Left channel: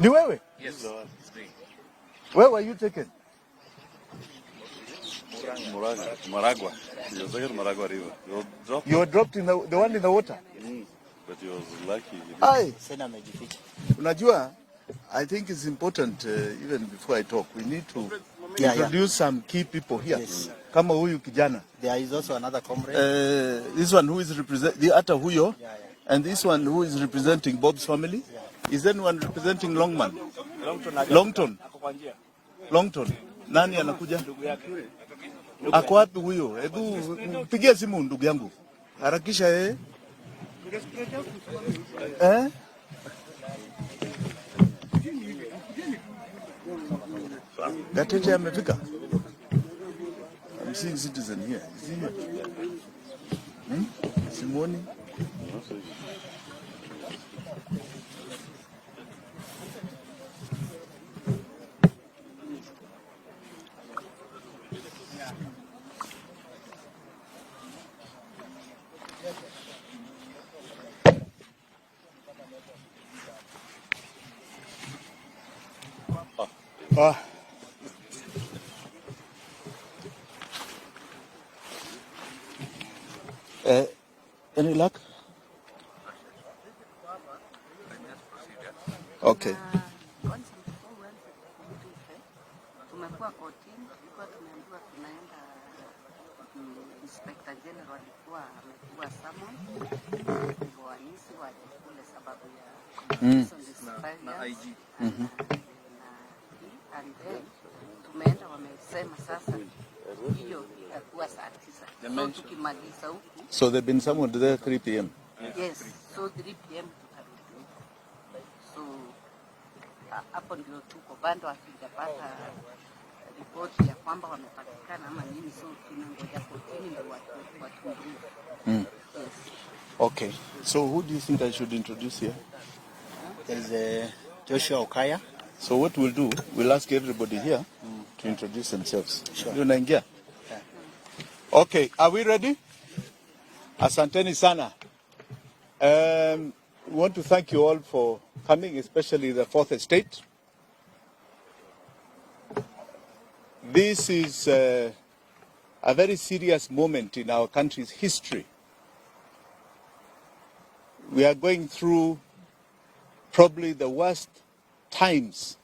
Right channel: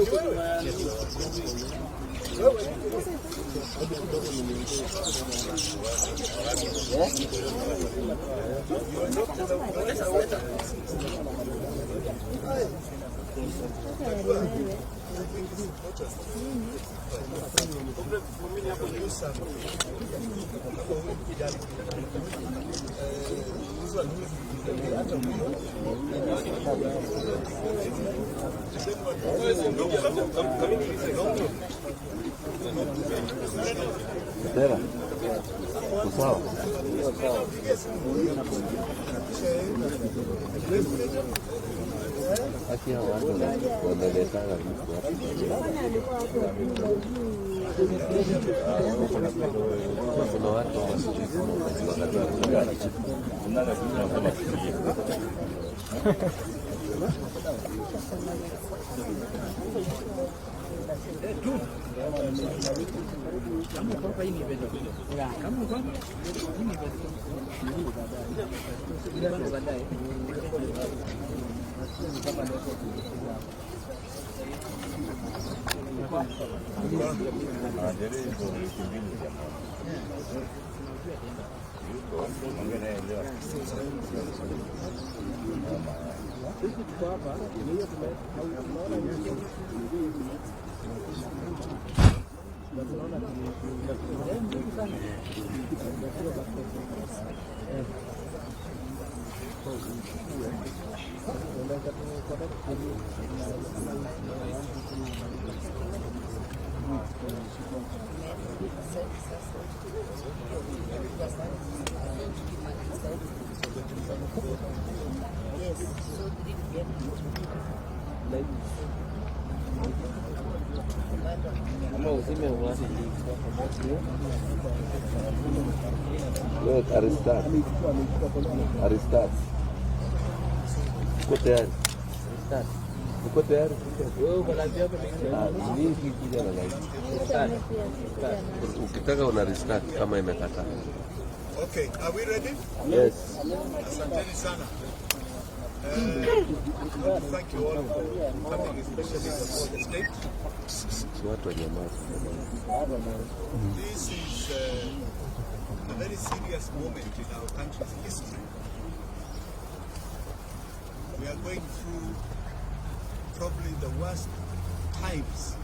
Ni wewe? Where were you taken? You were dropped in the one in the water? Aye. Najua, I think it's important, even before I talk, we need to introduce some key people here. Kama huyu kijana. There is also another comrade. This one who is representing the other huyo, and this one who is representing Bob's family. Is anyone representing Longman? Longton. Longton. Nani anakuja? Ako wapi huyo? Pigia simu ndugu yangu. Harakisha yeye. Gateje amefika. Any luck? Okay. So they've been summoned there at 3 p.m. Yes, so 3 p.m. Okay. So who do you think I should introduce here? Joshua Okaya. So what we'll do, we'll ask everybody here to introduce themselves. Okay, are we ready? Yes. Asanteni sana. We want to thank you all for coming, especially the fourth estate. This is a very serious moment in our country's history. We are going through probably the worst times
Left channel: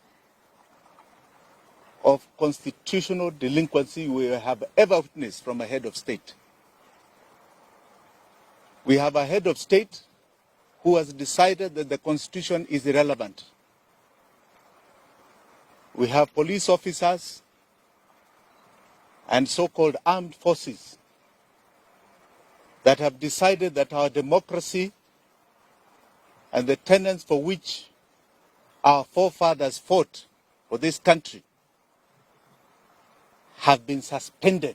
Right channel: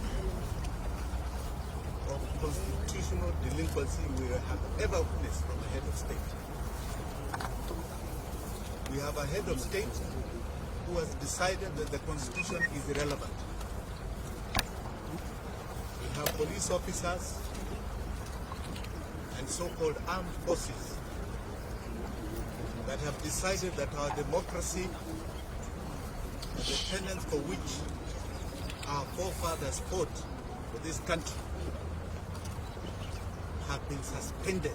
of constitutional delinquency we have ever witnessed from a head of state. We have a head of state who has decided that the constitution is irrelevant. We have police officers and so-called armed forces that have decided that our democracy and the tenets for which our forefathers fought for this country have been suspended.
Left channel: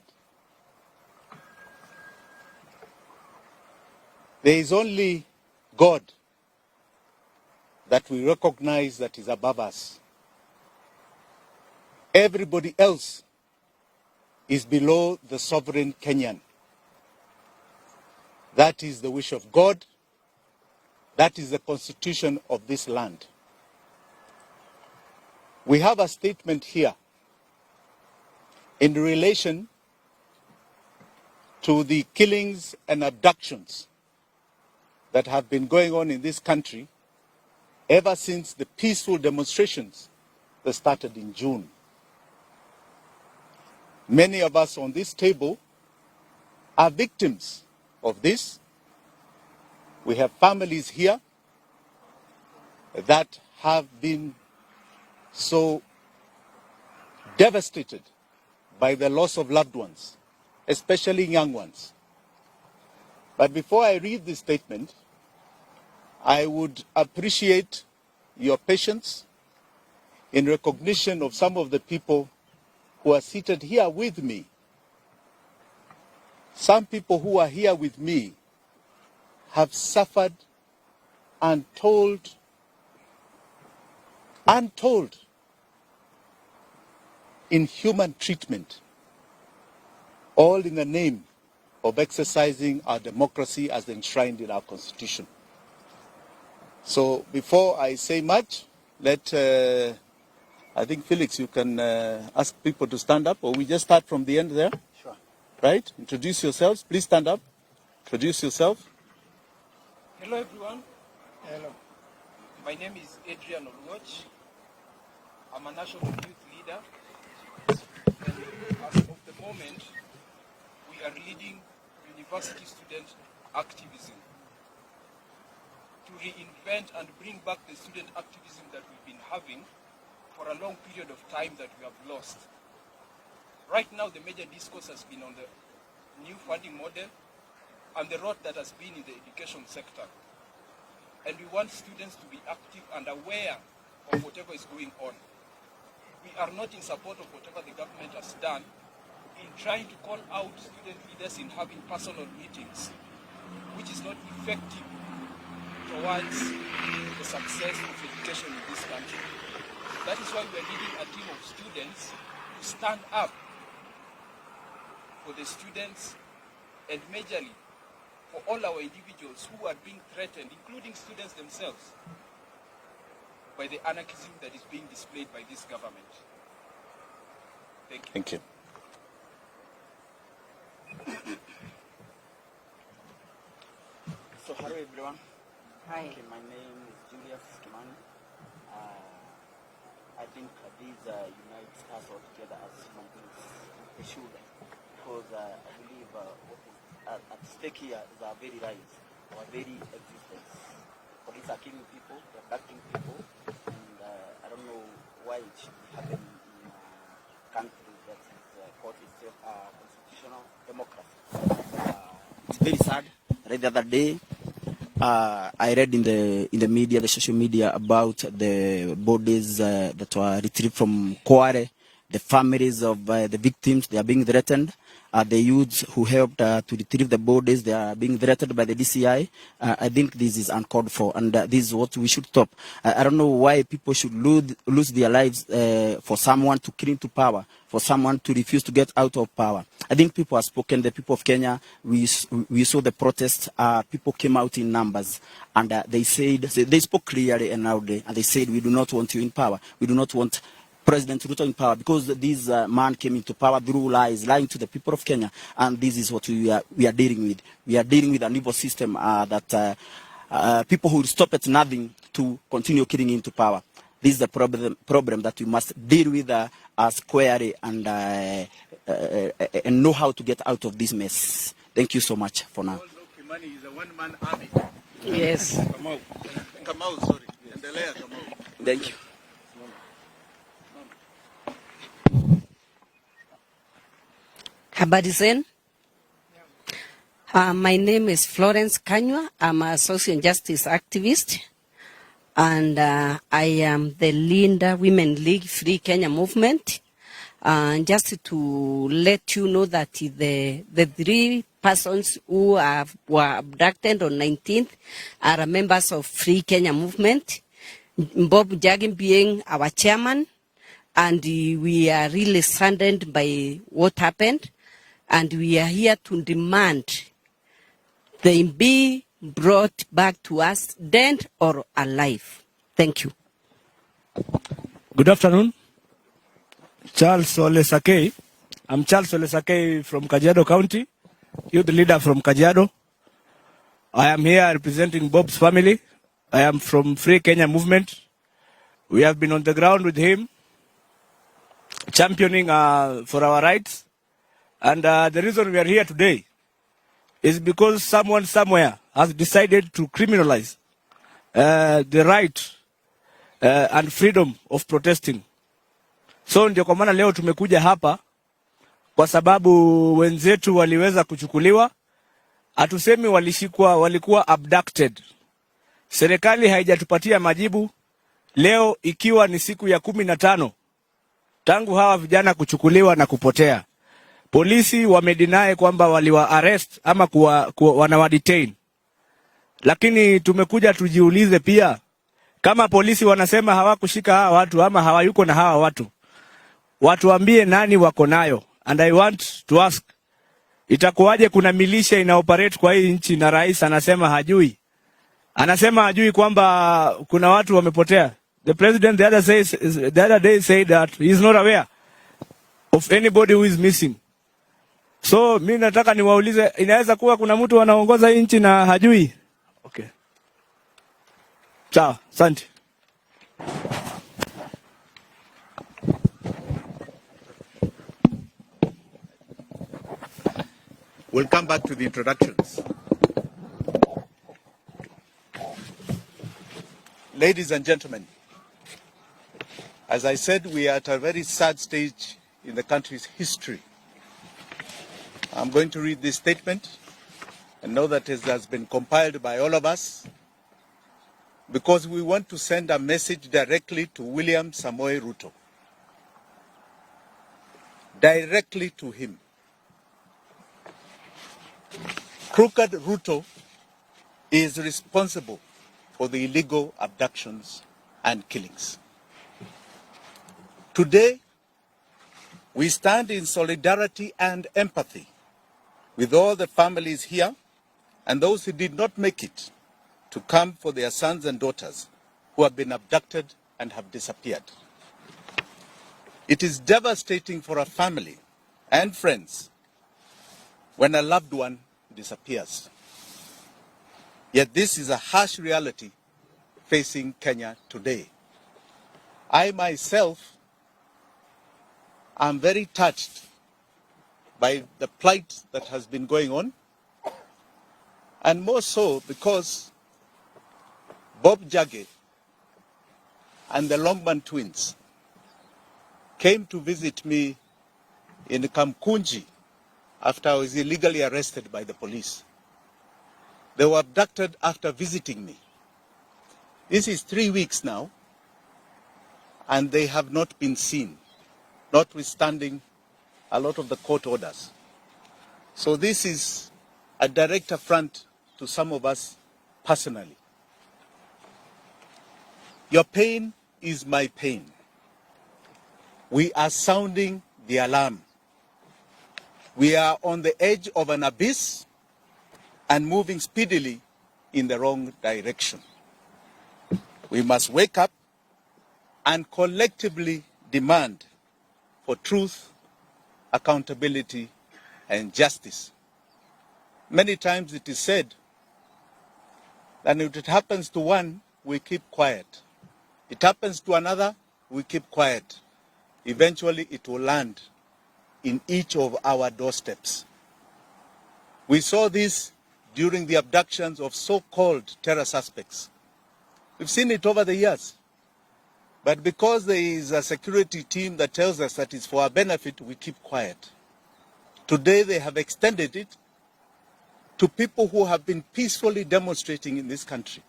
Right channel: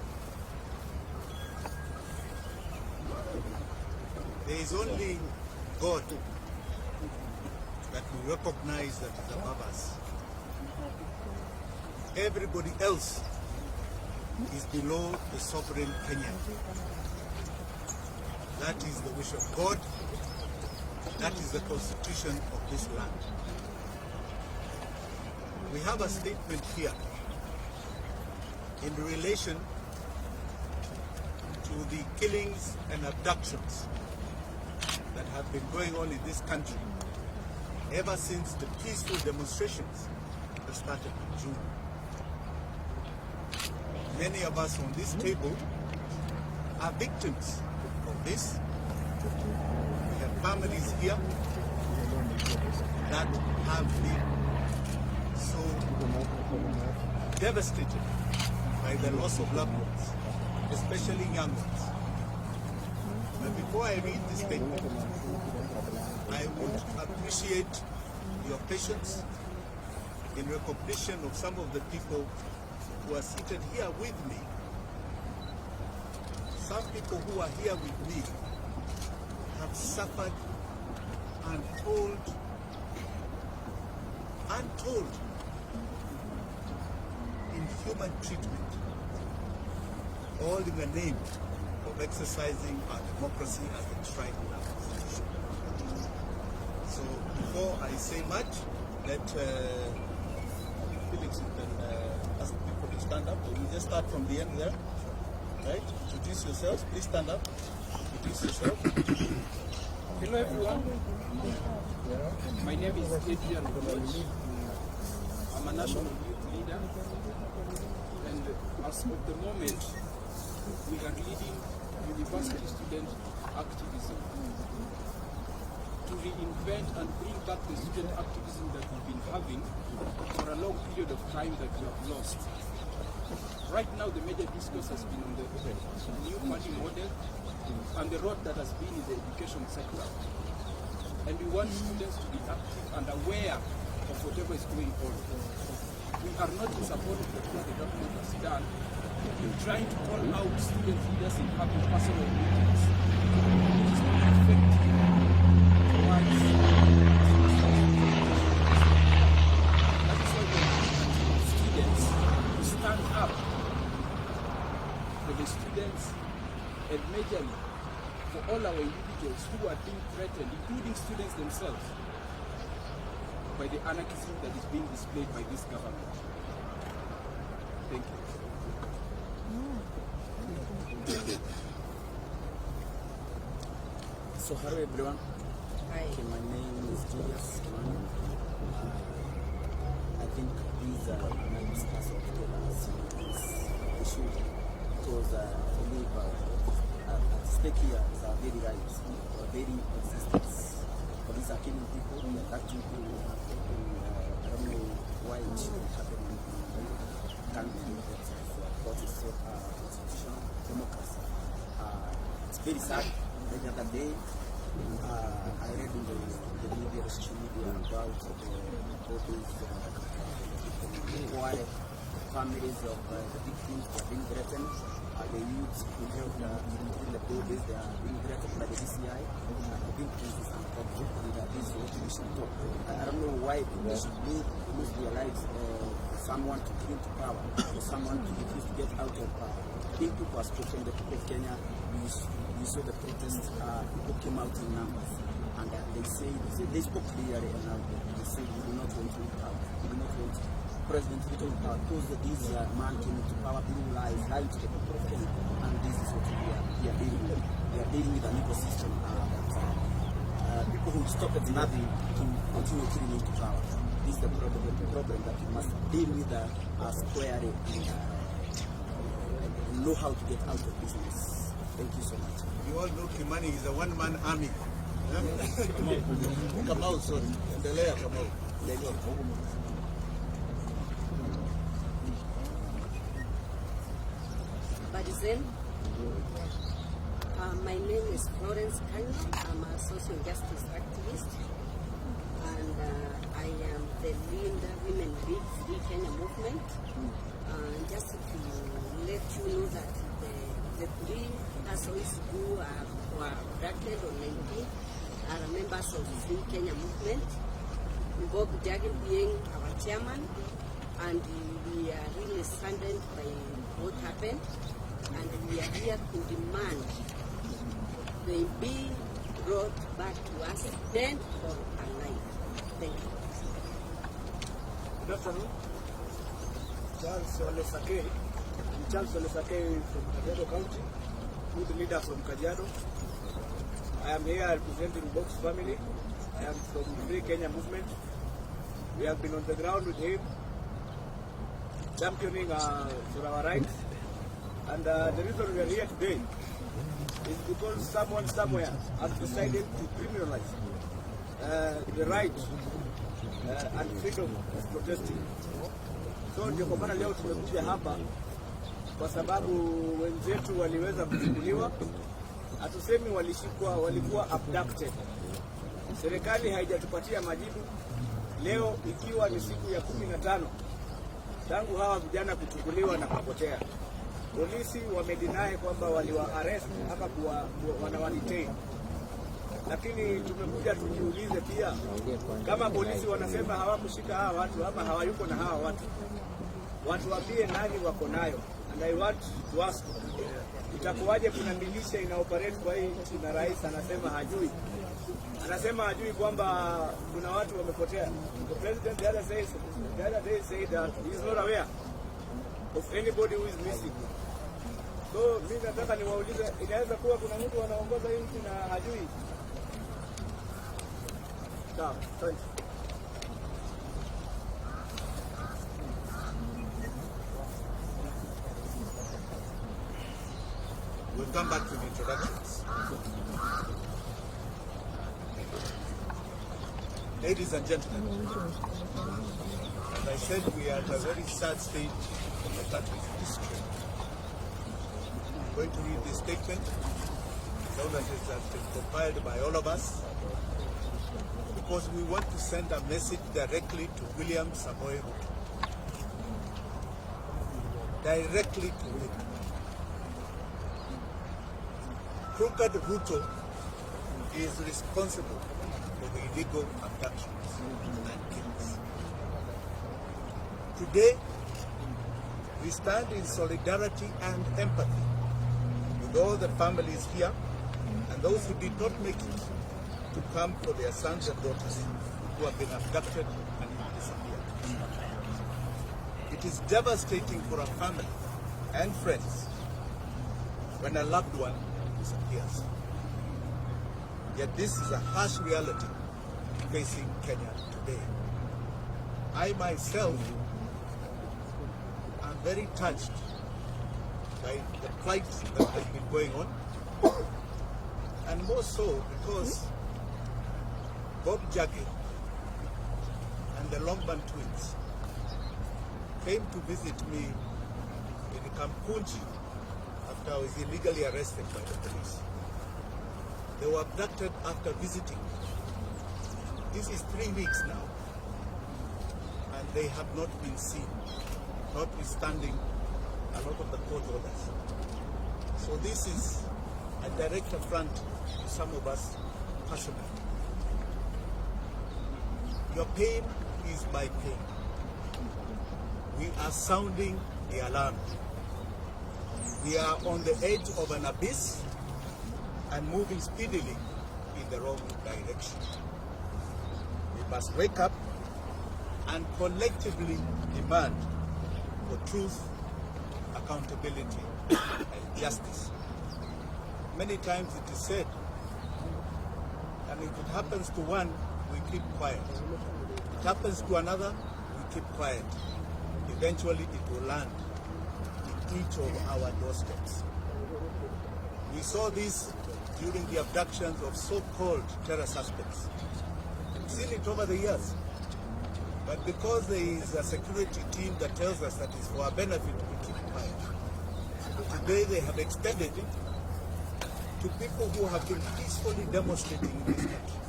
There is only God that we recognize that is above us. Everybody else is below the sovereign Kenyan. That is the wish of God. That is the constitution of this land. We have a statement here in relation to the killings and abductions that have been going on in this country ever since the peaceful demonstrations that started in June. Many of us on this table are victims of this. We have families here that have been so devastated by the loss of loved ones, especially young ones. But before I read this statement, I would appreciate your patience in recognition of some of the people who are seated here with me. Some people who are here with me have suffered untold inhuman treatment, all in the name of exercising our democracy as enshrined in our Constitution. So before I say much, I think Felix, you can ask people to stand up, or we just start from the end there? Sure. Right? Introduce yourselves. Please stand up. Introduce yourself. Hello everyone. My name is Adrian Koch. I'm a national youth leader. And as of the moment, we are leading university student activism to reinvent and bring back the student activism that we've been having for a long period of time that we have lost. Right now, the major discourse has been on the new funding model and the road that has been in the education sector. And we want students to be active and aware of whatever is going on. We are not in support of whatever the government has done in trying to call out student leaders in having personal meetings, which is not effective towards success of education in this country. That is why we are looking at students to stand up for the students and majorly for all our individuals who are being threatened, including students themselves, by the anarchism that is being displayed by this government. Thank you. Thank you. So hello everyone. Hi. Okay, my name is Julius Kimani. I think these discuss of together as this issue because I believe at stake here is our very lives, our very existence. Police are killing people, acting people, and I don't know why it should happen in a country that is what is so constitutional democracy. It's very sad. Right the other day, I read in the media, the social media, about the bodies that were retrieved from Kware, the families of the victims. They are being threatened. The youths who helped to retrieve the bodies, they are being threatened by the DCI. I think this is uncalled for, and this is what we should stop. I don't know why people should lose their lives for someone to cling to power, for someone to refuse to get out of power. I think people have spoken. The people of Kenya, we saw the protests. People came out in numbers, and they spoke clearly and loudly, and they said, we do not want you in power. We do not want President Ruto in power, because this man came into power through lies, lying to the people of Kenya, and this is what we are dealing with. We are dealing with an evil system that people who stop at nothing to continue killing into power. This is the problem that we must deal with squarely and know how to get out of this mess. Thank you so much for now. Kimani is a one-man army. Yes. Kamau, sorry. Endelea, Kamau. Thank you. Habari zenu. My name is Florence Kanywa. I'm a social justice activist, and I am the Linda Women League Free Kenya movement. Just to let you know that the 3 persons who were abducted on 19th are members of Free Kenya movement. Bob Jagin being our chairman, and we are really saddened by what happened, and we are here to demand they be brought back to us, dead or alive. Thank you. Good afternoon. Charles Ole Sakei. I'm Charles Ole Sakei from Kajiado County, youth leader from Kajiado. I am here representing Bob's family. I am from Free Kenya movement. We have been on the ground with him, championing for our rights. And the reason we are here today is because someone somewhere has decided to criminalize the right and freedom of protesting. So ndio kwa maana leo tumekuja hapa kwa sababu wenzetu waliweza kuchukuliwa. Hatusemi walikuwa abducted. Serikali haijatupatia majibu leo, ikiwa ni siku ya 15 tangu hawa vijana kuchukuliwa na kupotea. Polisi wamedeny kwamba waliwa arrest ama wanawa detain. Lakini tumekuja tujiulize pia, kama polisi wanasema hawakushika hawa watu ama hawayuko na hawa watu, watuambie nani wako nayo. And I want to ask itakuwaje kuna milisha ina operate kwa hii nchi na rais anasema hajui? Anasema hajui kwamba kuna watu wamepotea. The president the other day said that he is not aware of anybody who is missing. So mimi nataka niwaulize, inaweza kuwa kuna mtu anaongoza hii nchi na hajui? Okay. Sawa, asante. We'll come back to the introductions. Ladies and gentlemen, as I said, we are at a very sad stage in the country's history. I'm going to read this statement and know that it has been compiled by all of us because we want to send a message directly to William Samoei Ruto. Directly to him. Crooked Ruto is responsible for the illegal abductions and killings. Today, we stand in solidarity and empathy with all the families here and those who did not make it to come for their sons and daughters who have been abducted and have disappeared. It is devastating for a family and friends when a loved one disappears. Yet this is a harsh reality facing Kenya today. I myself am very touched by the plight that has been going on, and more so because WANJIGI and the Longman twins came to visit me in Kamkunji after I was illegally arrested by the police. They were abducted after visiting me. This is 3 weeks now, and they have not been seen, notwithstanding a lot of the court orders. So this is a direct affront to some of us personally. Your pain is my pain. We are sounding the alarm. We are on the edge of an abyss and moving speedily in the wrong direction. We must wake up and collectively demand for truth, accountability, and justice. Many times it is said that if it happens to one, we keep quiet. It happens to another, we keep quiet. Eventually it will land in each of our doorsteps. We saw this during the abductions of so-called terror suspects. We've seen it over the years. But because there is a security team that tells us that it's for our benefit, we keep quiet. Today they have extended it to people who have been peacefully demonstrating in this country.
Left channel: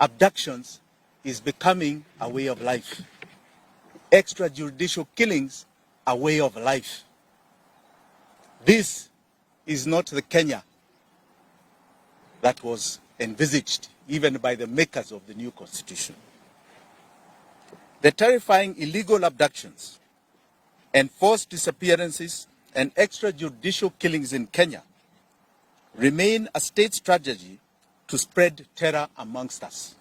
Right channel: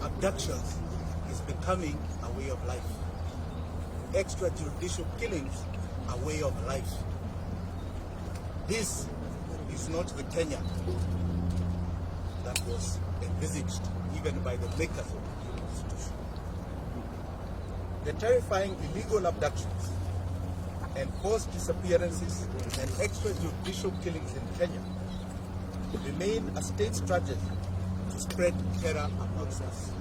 Abductions is becoming a way of life. Extrajudicial killings a way of life. This is not the Kenya that was envisaged even by the makers of the new constitution. The terrifying illegal abductions, enforced disappearances, and extrajudicial killings in Kenya remain a state strategy to spread terror amongst us.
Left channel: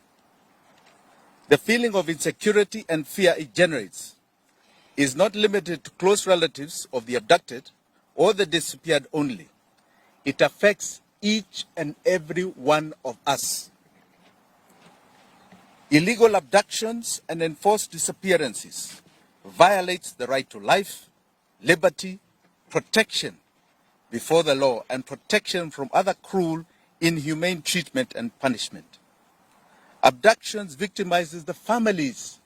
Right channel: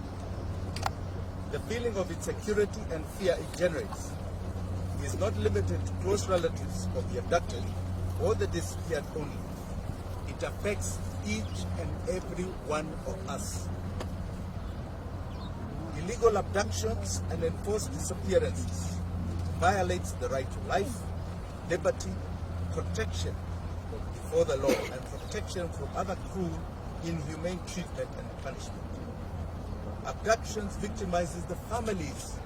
The feeling of insecurity and fear it generates is not limited to close relatives of the abducted or the disappeared only. It affects each and every one of us. Illegal abductions and enforced disappearances violates the right to life, liberty, protection before the law, and protection from other cruel, inhumane treatment and punishment. Abductions victimizes the families,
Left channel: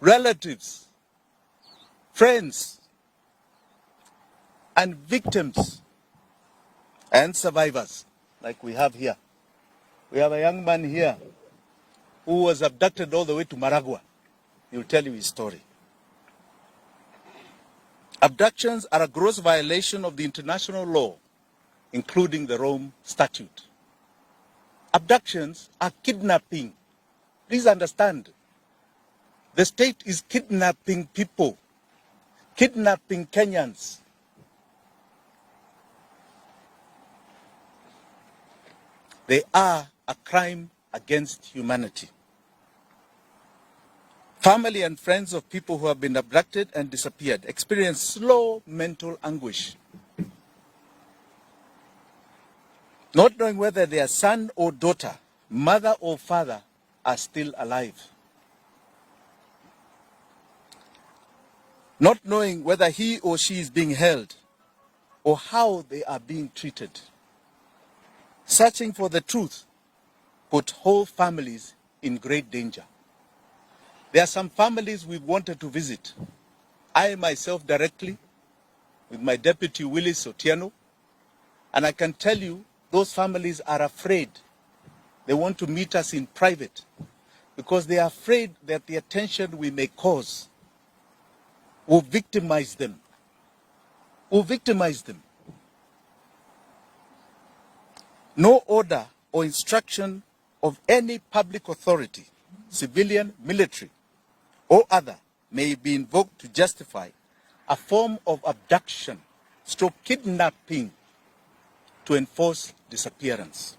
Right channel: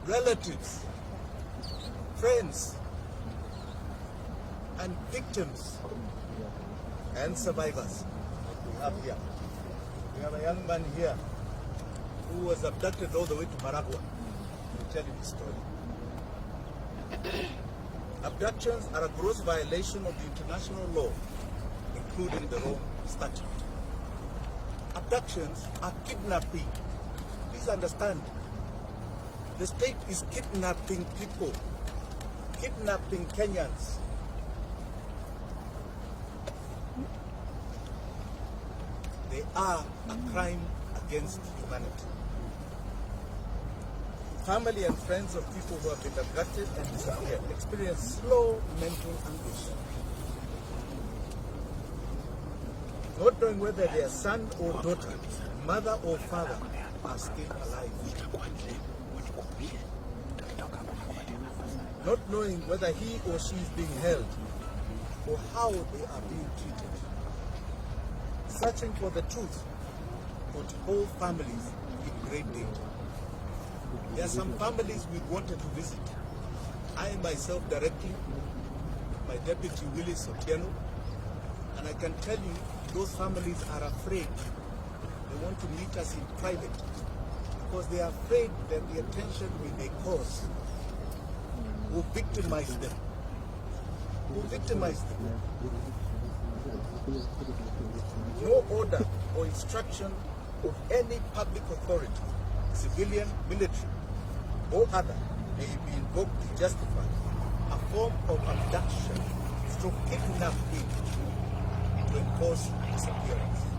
relatives, friends, and victims and survivors like we have here. We have a young man here who was abducted all the way to Maragua. He will tell you his story. Abductions are a gross violation of the international law, including the Rome Statute. Abductions are kidnapping. Please understand. The state is kidnapping people kidnapping Kenyans. They are a crime against humanity. Family and friends of people who have been abducted and disappeared experience slow mental anguish, not knowing whether their son or daughter, mother or father are still alive, not knowing whether he or she is being held or how they are being treated. Searching for the truth put whole families in great danger. There are some families we wanted to visit. I myself directly, with my deputy Willis Otieno, and I can tell you those families are afraid. They want to meet us in private because they are afraid that the attention we may cause will victimize them. No order or instruction of any public authority, civilian, military, or other, may be invoked to justify a form of abduction, stroke kidnapping, to enforce disappearance.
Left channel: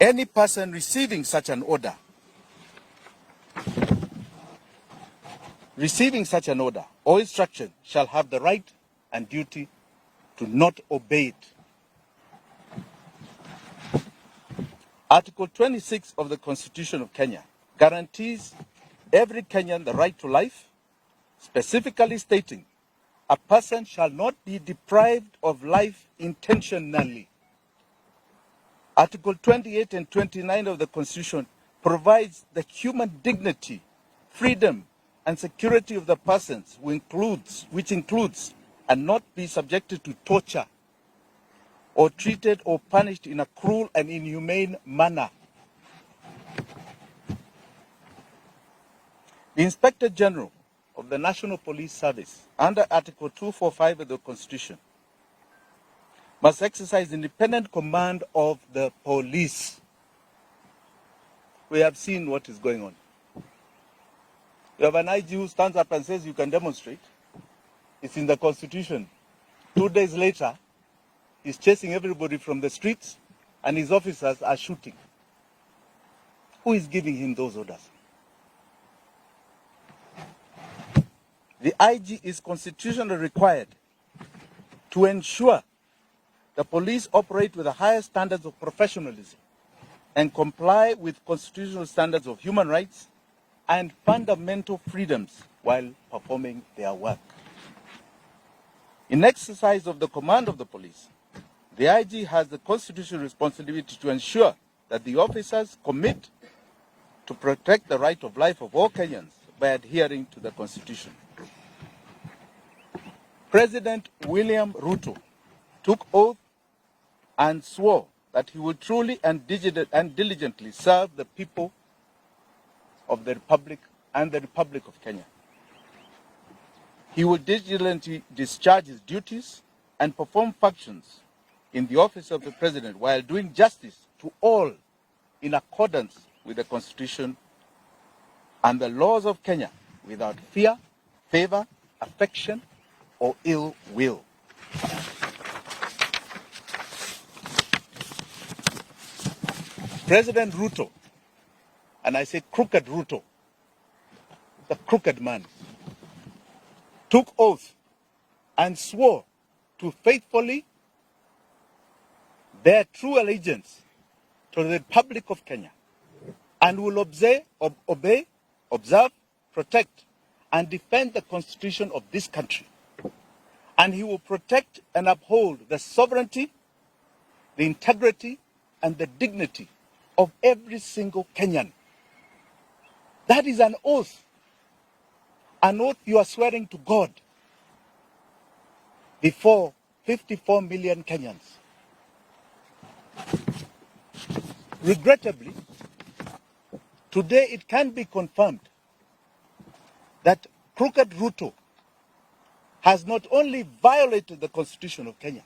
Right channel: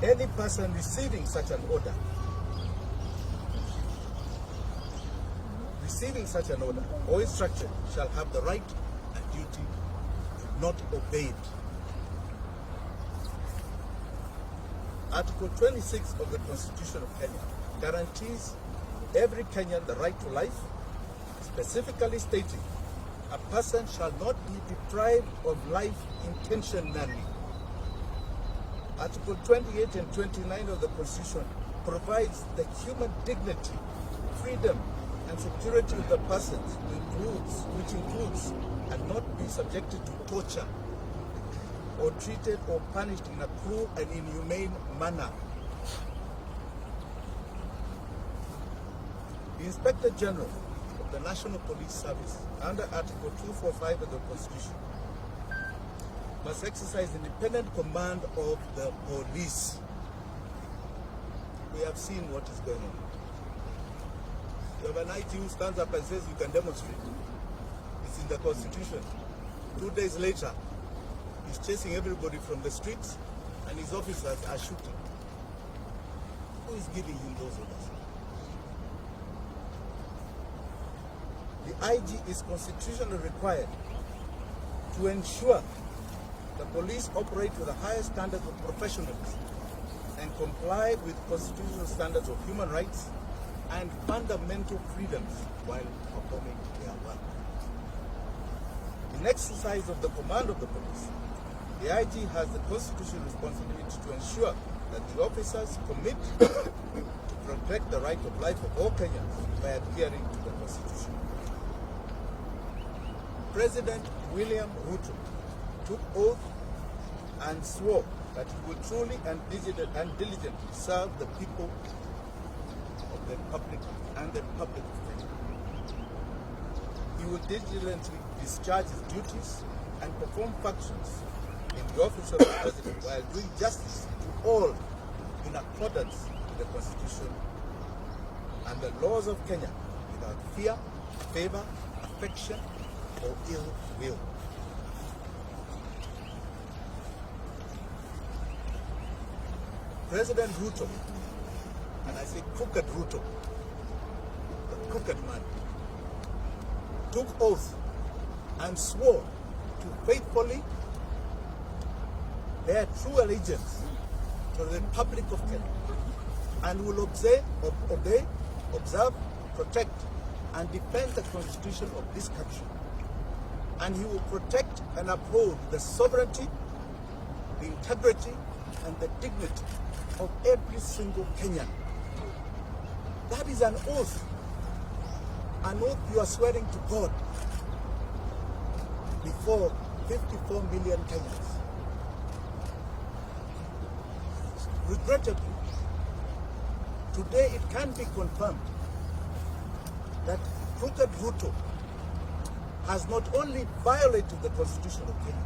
Any person receiving such an order or instruction shall have the right and duty to not obey it. Article 26 of the Constitution of Kenya guarantees every Kenyan the right to life, specifically stating a person shall not be deprived of life intentionally. Article 28 and 29 of the Constitution provides the human dignity, freedom, and security of the persons, which includes and not be subjected to torture or treated or punished in a cruel and inhumane manner. The Inspector General of the National Police Service, under Article 245 of the Constitution, must exercise independent command of the police. We have seen what is going on. You have an IG who stands up and says you can demonstrate. It's in the Constitution. 2 days later, he's chasing everybody from the streets and his officers are shooting. Who is giving him those orders? The IG is constitutionally required to ensure the police operate with the highest standards of professionalism and comply with constitutional standards of human rights and fundamental freedoms while performing their work. In exercise of the command of the police, the IG has the constitutional responsibility to ensure that the officers commit to protect the right of life of all Kenyans by adhering to the Constitution. President William Ruto took oath and swore that he would truly and diligently serve the people of the Republic and the Republic of Kenya. He would diligently discharge his duties and perform functions in the office of the President while doing justice to all in accordance with the Constitution and the laws of Kenya without fear, favor, affection, or ill will. President Ruto, and I say crooked Ruto, the crooked man, took oath and swore to faithfully bear true allegiance to the Republic of Kenya and will obey, observe, protect, and defend the Constitution of this country. And he will protect and uphold the sovereignty, the integrity, and the dignity of every single Kenyan. That is an oath you are swearing to God before 54 million Kenyans. Regrettably, today it can be confirmed that crooked Ruto has not only violated the Constitution of Kenya,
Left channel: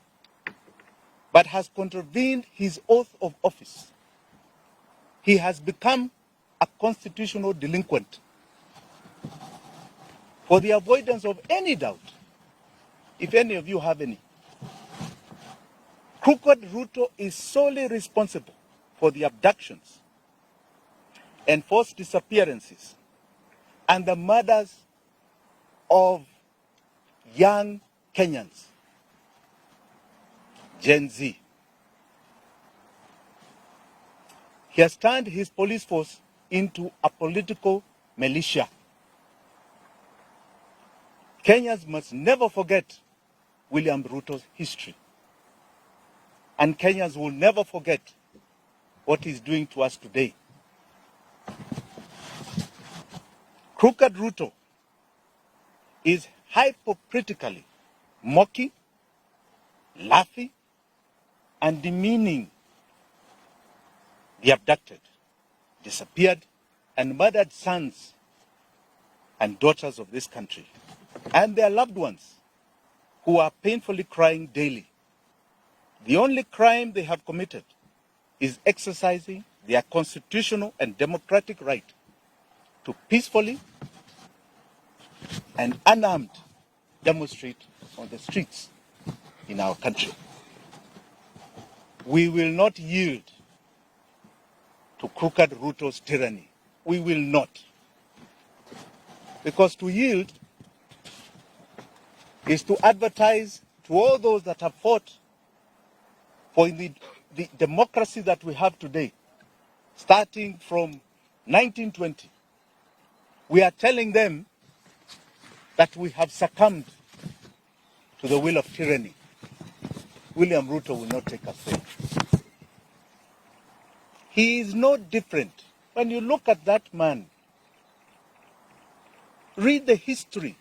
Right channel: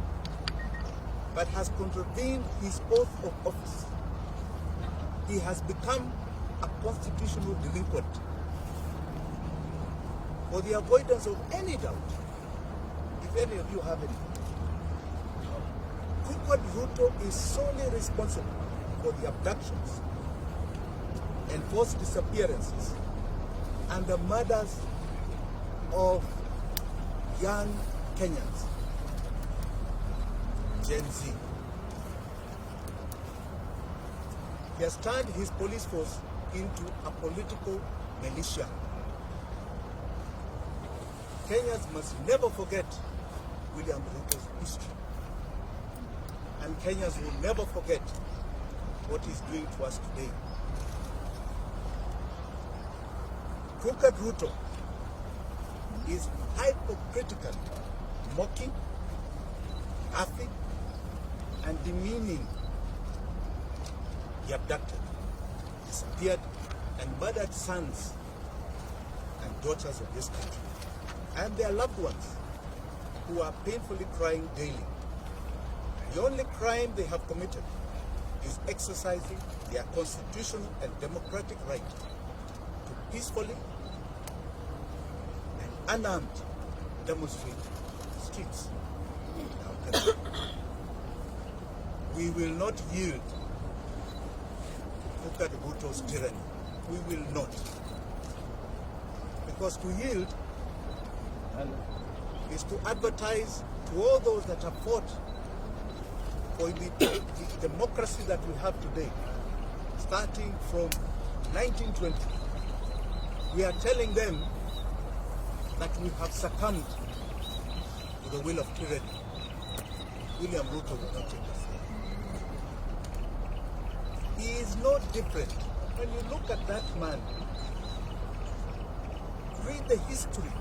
but has contravened his oath of office. He has become a constitutional delinquent. For the avoidance of any doubt, if any of you have any, Crooked Ruto is solely responsible for the abductions and forced disappearances and the murders of young Kenyans, Gen Z. He has turned his police force into a political militia. Kenyans must never forget William Ruto's history. And Kenyans will never forget what he's doing to us today. Crooked Ruto is hypocritically mocking, laughing, and demeaning the abducted, disappeared, and murdered sons and daughters of this country, and their loved ones who are painfully crying daily. The only crime they have committed is exercising their constitutional and democratic right to peacefully and unarmed demonstrate on the streets in our country. We will not yield to Crooked Ruto's tyranny. We will not. Because to yield is to advertise to all those that have fought for the democracy that we have today, starting from 1920. We are telling them that we have succumbed to the will of tyranny. William Ruto will not take us there. He is no different. When you look at that man, read the history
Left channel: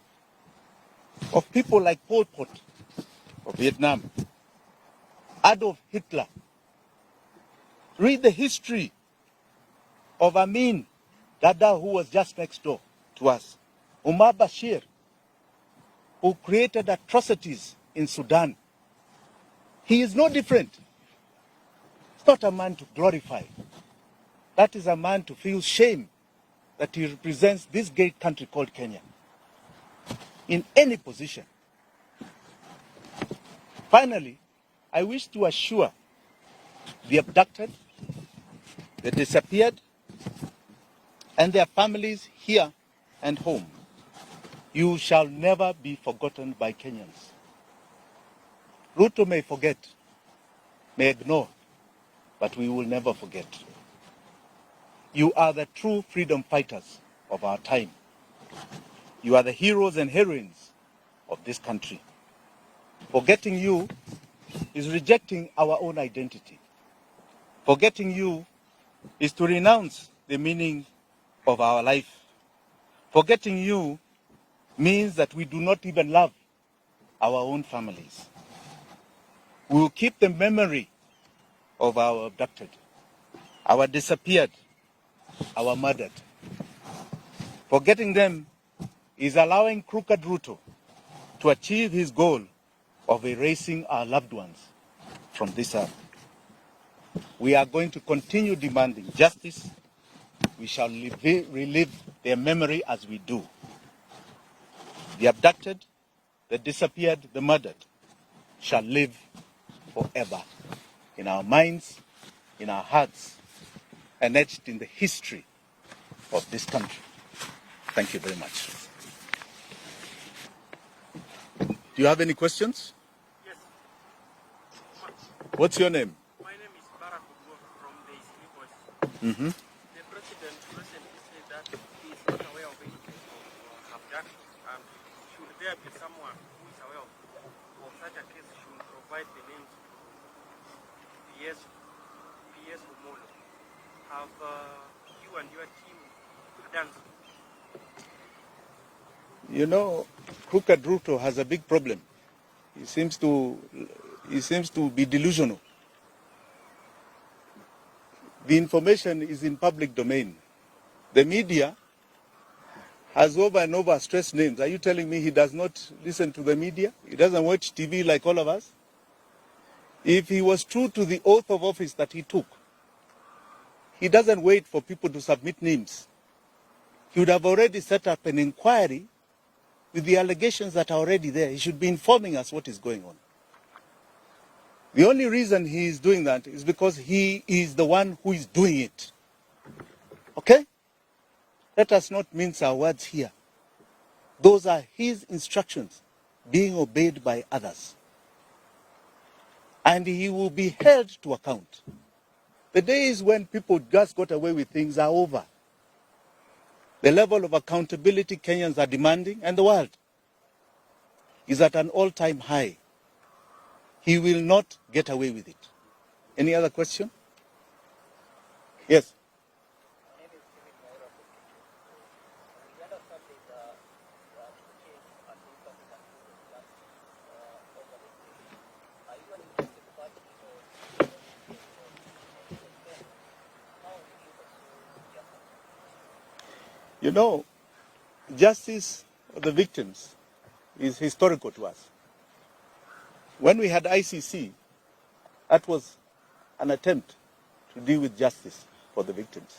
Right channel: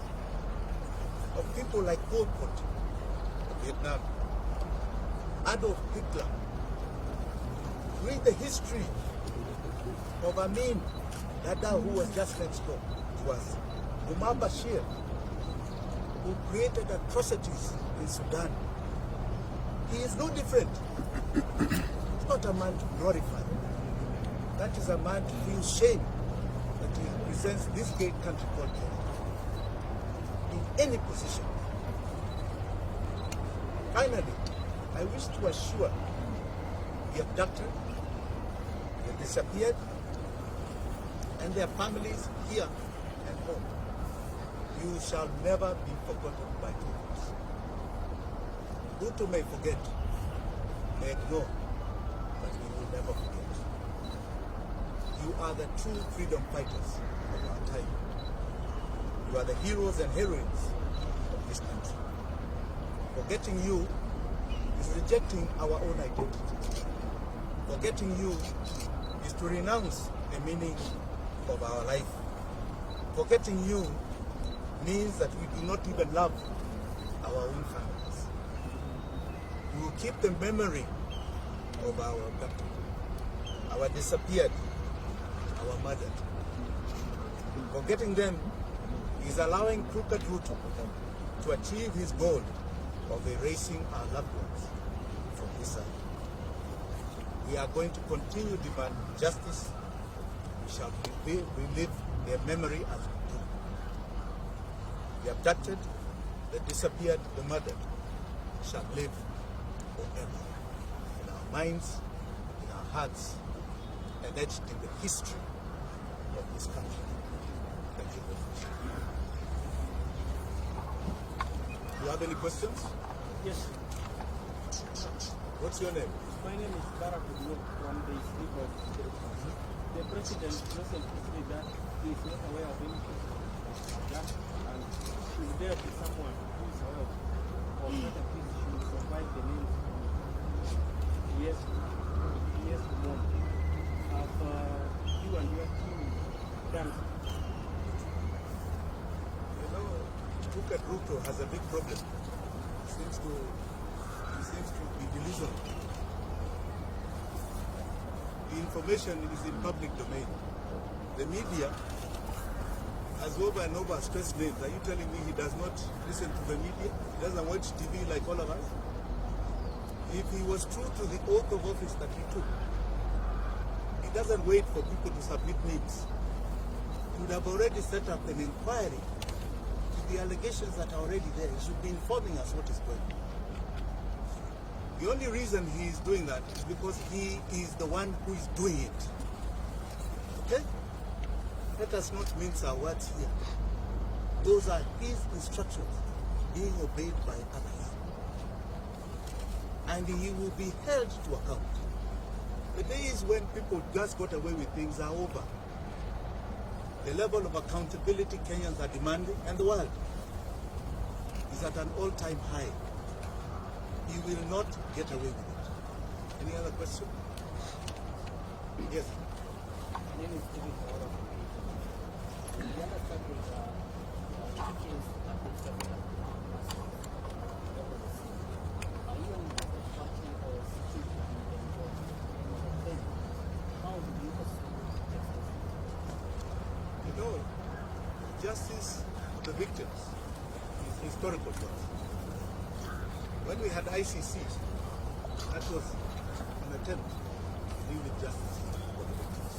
of people like Pol Pot of Vietnam, Adolf Hitler. Read the history of Amin Dada, who was just next door to us, Umar Bashir, who created atrocities in Sudan. He is no different. It's not a man to glorify. That is a man to feel shame that he represents this great country called Kenya in any position. Finally, I wish to assure the abducted, the disappeared, and their families here and home, you shall never be forgotten by Kenyans. Ruto may forget, may ignore, but we will never forget. You are the true freedom fighters of our time. You are the heroes and heroines of this country. Forgetting you is rejecting our own identity. Forgetting you is to renounce the meaning of our life. Forgetting you means that we do not even love our own families. We will keep the memory of our abducted, our disappeared, our murdered. Forgetting them is allowing Crooked Ruto to achieve his goal of erasing our loved ones from this earth. We are going to continue demanding justice. We shall relive their memory as we do. The abducted, the disappeared, the murdered shall live forever in our minds, in our hearts, and etched in the history of this country. Thank you very much. Do you have any questions? Yes. What's your name? My name is Barack from the Sleepers. The president recently said that he is not aware of any case of that, and should there be someone who is aware of such a case, should provide the names of PS Kumon. Have you and your team done? You know, Crooked Ruto has a big problem. He seems to be delusional. The information is in public domain. The media has over and over stressed names. Are you telling me he does not listen to the media? He doesn't watch TV like all of us? If he was true to the oath of office that he took, he doesn't wait for people to submit names. He would have already set up an inquiry with the allegations that are already there. He should be informing us what is going on. The only reason he is doing that is because he is the one who is doing it. Okay? Let us not mince our words here. Those are his instructions being obeyed by others. And he will be held to account. The days when people just got away with things are over. The level of accountability Kenyans are demanding, and the world, is at an all-time high. He will not get away with it. Any other question? Yes. My name is David Mawara from the other subject, the case Abductions over the sea. Are you an interested party or seeking to be involved? And then, how do you pursue justice? You know, justice for the victims is historical to us. When we had ICC, that was an attempt to deal with justice for the victims.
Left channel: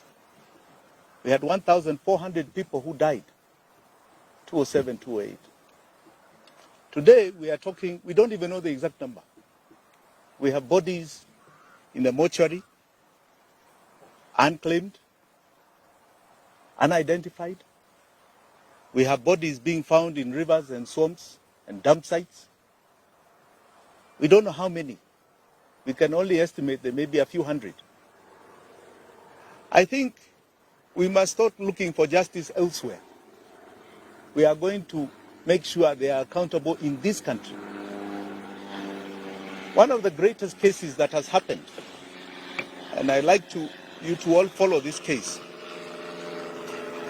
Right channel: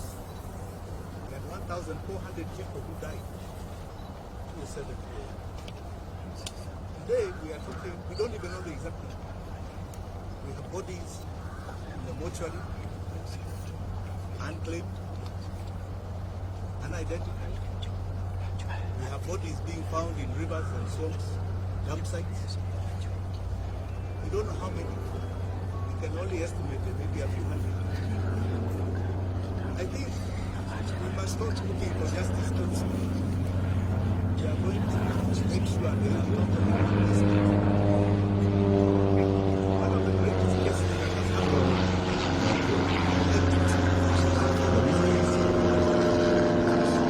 We had 1,400 people who died, 2007, 2008. Today, we are talking, we don't even know the exact number. We have bodies in the mortuary, unclaimed, unidentified. We have bodies being found in rivers and swamps and dump sites. We don't know how many. We can only estimate there may be a few hundred. I think we must start looking for justice elsewhere. We are going to make sure they are accountable in this country. One of the greatest cases that has happened, and I like you to all follow this case,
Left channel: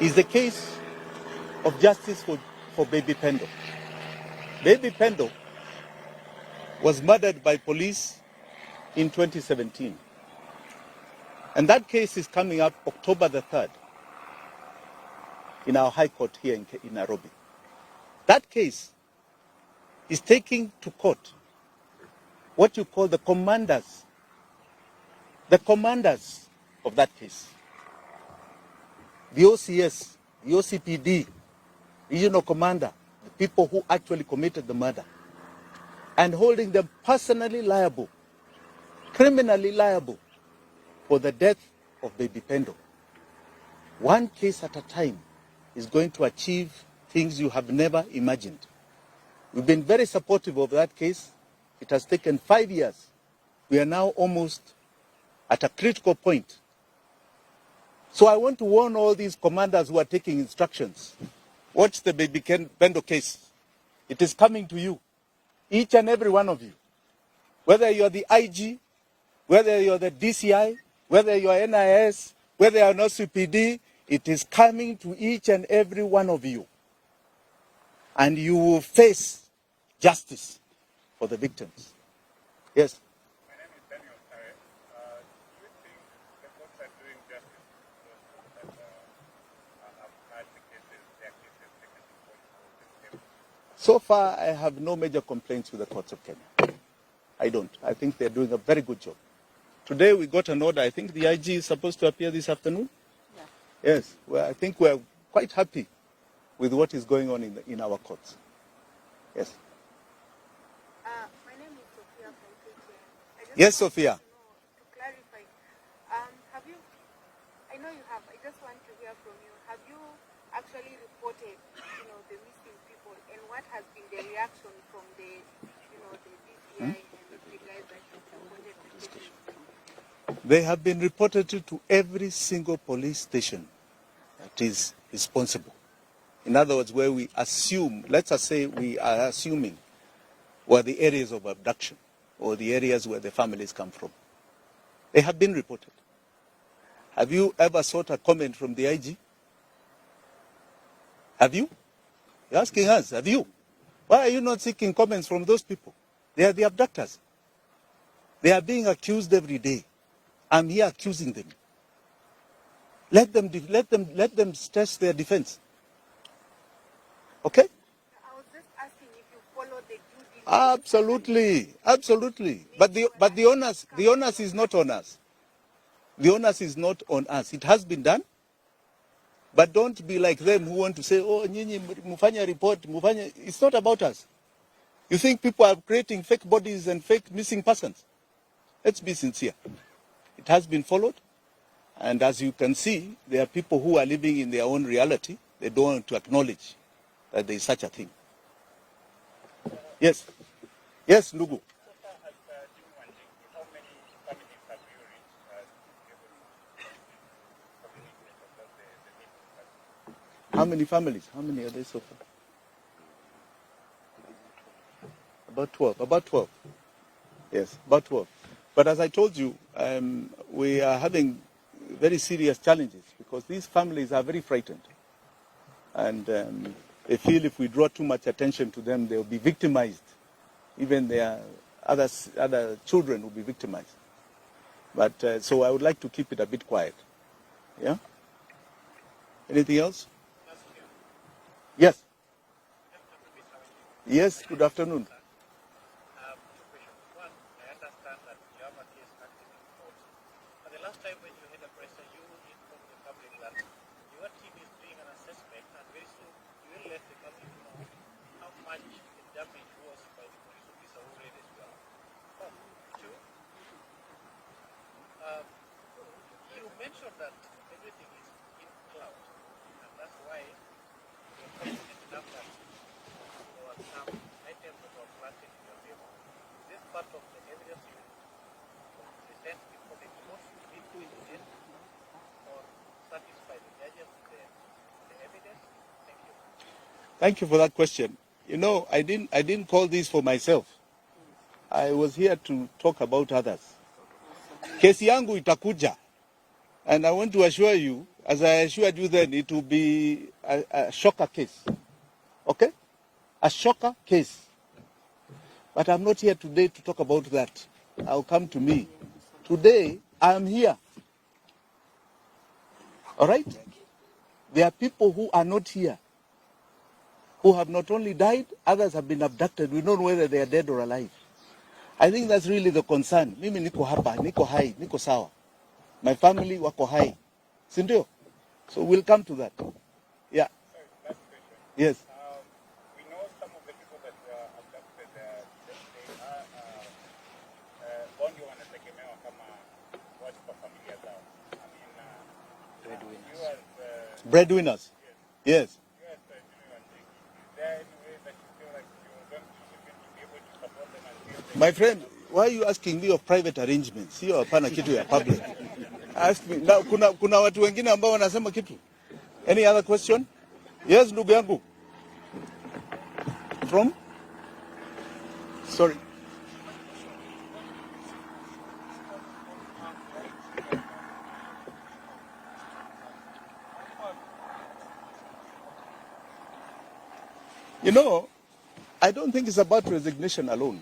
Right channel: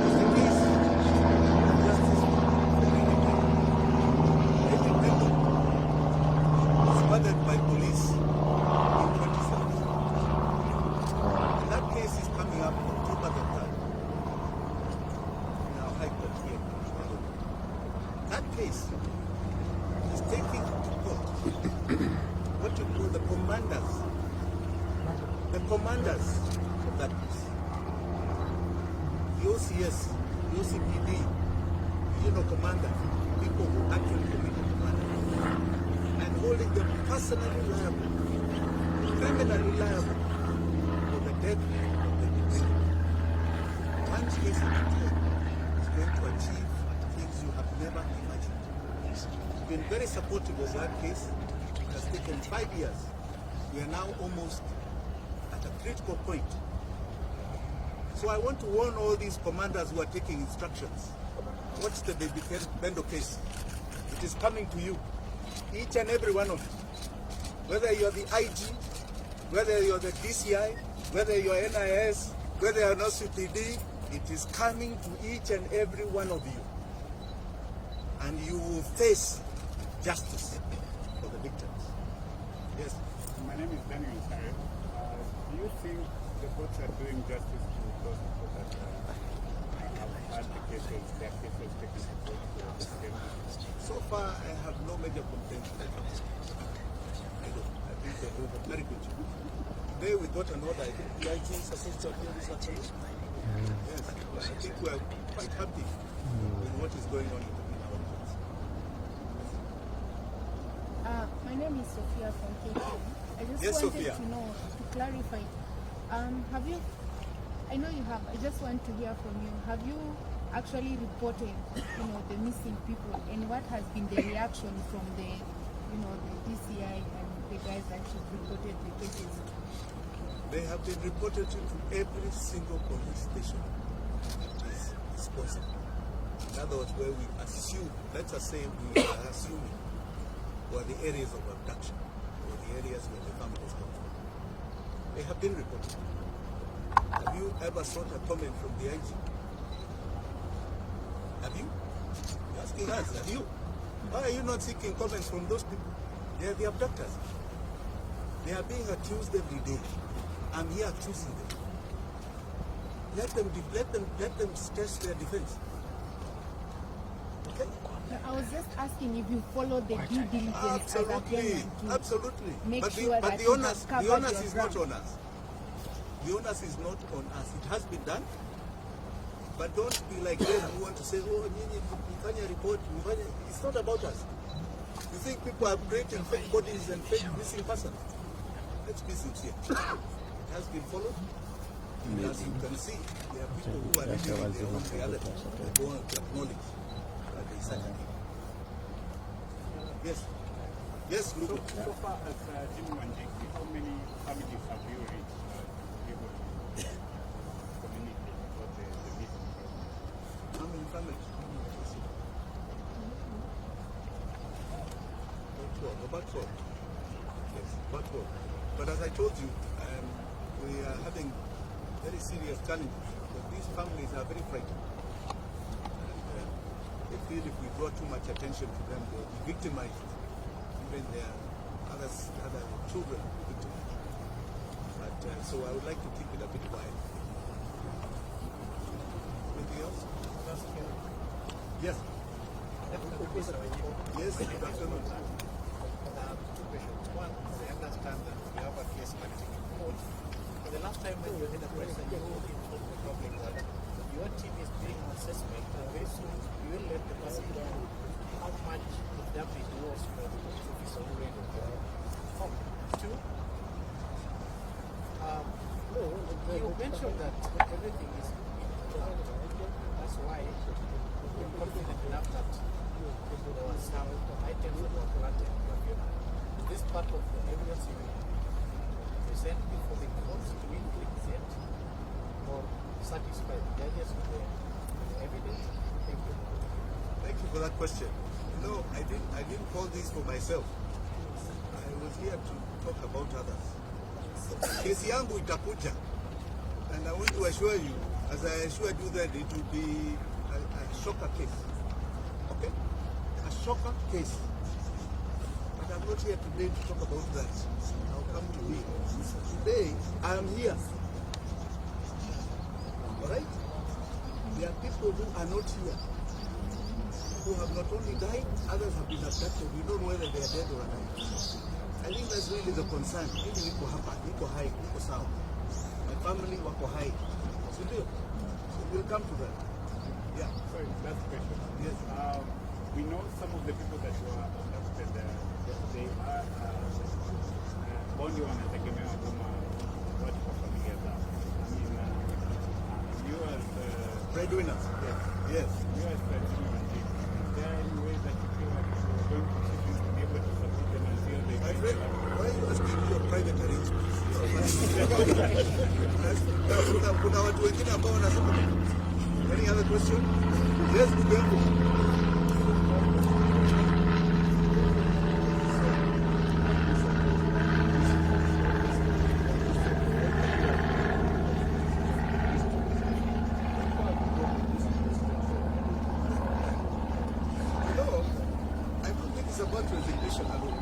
is the case of justice for Baby Pendo. Baby Pendo was murdered by police in 2017. And that case is coming up October the 3rd in our High Court here in Nairobi. That case is taking to court what you call the commanders of that case. The OCS, the OCPD, regional commander, people who actually committed the murder, and holding them personally liable, criminally liable for the death of Baby Pendo. One case at a time is going to achieve things you have never imagined. We've been very supportive of that case. It has taken 5 years. We are now almost at a critical point. So I want to warn all these commanders who are taking instructions. Watch the Baby Pendo case. It is coming to you. Each and every one of you. Whether you're the IG, whether you're the DCI, whether you're NIS, whether you're an OCPD, it is coming to each and every one of you. And you will face justice for the victims. Yes? My name is Daniel Sare. Do you think the courts are doing justice to those people that have advocated their cases taken to court? So far, I have no major complaints with the court system. I don't. I think they're doing a very good job. Today we got an order. I think the IG is supposed to appear this afternoon. Yes. Well, I think we're quite happy with what is going on in our courts. Yes. My name is Sophia from KK. I just Yes, wanted Sophia. to know, to clarify, have you, I know you have, I just want to hear from you, have you actually reported, the missing people, and what has been the reaction from the, the DCI and the guys that you reported the cases? They have been reported to every single police station that is responsible. In other words, where we assume, let's just say we are assuming, were the areas of abduction or the areas where the families come from. They have been reported. Have you ever sought a comment from the IG? Have you? You're asking us, have you? Why are you not seeking comments from those people? They are the abductors. They are being accused every day. I'm here accusing them. Let them stress their defense. Okay? I was just asking if you follow the due diligence. Absolutely, absolutely. But the onus is not on us. The onus is not on us. It has been done. But don't be like them who want to say, oh, nyinyi mufanya report, mufanya. It's not about us. You think people are creating fake bodies and fake missing persons? Let's be sincere. It has been followed. And as you can see, there are people who are living in their own reality. They don't want to acknowledge that there is such a thing. Yes. Yes, Lugu. So far as Jim Wanjigi, how many families have you reached to be able to communicate about the missing persons? How many families? How many are there so far? About 12. About 12. Yes, about 12. But as I told you, we are having very serious challenges because these families are very frightened. And they feel if we draw too much attention to them, they will be victimized. Even their other children will be victimized. But so I would like to keep it a bit quiet. Yeah? Anything else? Yes. Yes, good afternoon. Two questions. One, I understand that we have a case active in court. But the last time when you were in the press and you informed the public that your team is doing an assessment and very soon you will let the person know how much the damage was for the police officer who read it. Two, you mentioned that everything is in cloud, and that's why you're confident enough that there were some items that were planted in your favor. This part of the evidence you will present before the courts to be present or satisfy the judges with the evidence? Thank you. Thank you for that question. You know, I didn't call this for myself. I was here to talk about others. Kesi yangu itakuja. And I want to assure you, as I assured you then, it will be a shocker case. Okay? A shocker case. But I'm not here today to talk about that. I'll come to me. Today, I'm here. All right? There are people who are not here, who have not only died, others have been abducted. We don't know whether they are dead or alive. I think that's really the concern. Mimi niko hapa, niko hai, niko sawa. My family wako hai. Sindio? So we'll come to that. Yeah. Sorry, last question. Yes. We know some of the people that were abducted, they are only wanategemewa kama watu kwa familia zao. I mean, you as Breadwinners. Yes. you as Jimmy Wanjigi, is there any way that you feel like you're going to be able to support them until they... My friend, why are you asking me of private arrangements? Sio hapana kitu ya public. Kuna watu wengine ambao wanasema kitu. Any other question? Yes, ndugu yangu. From? Sorry. You know, I don't think it's about resignation alone.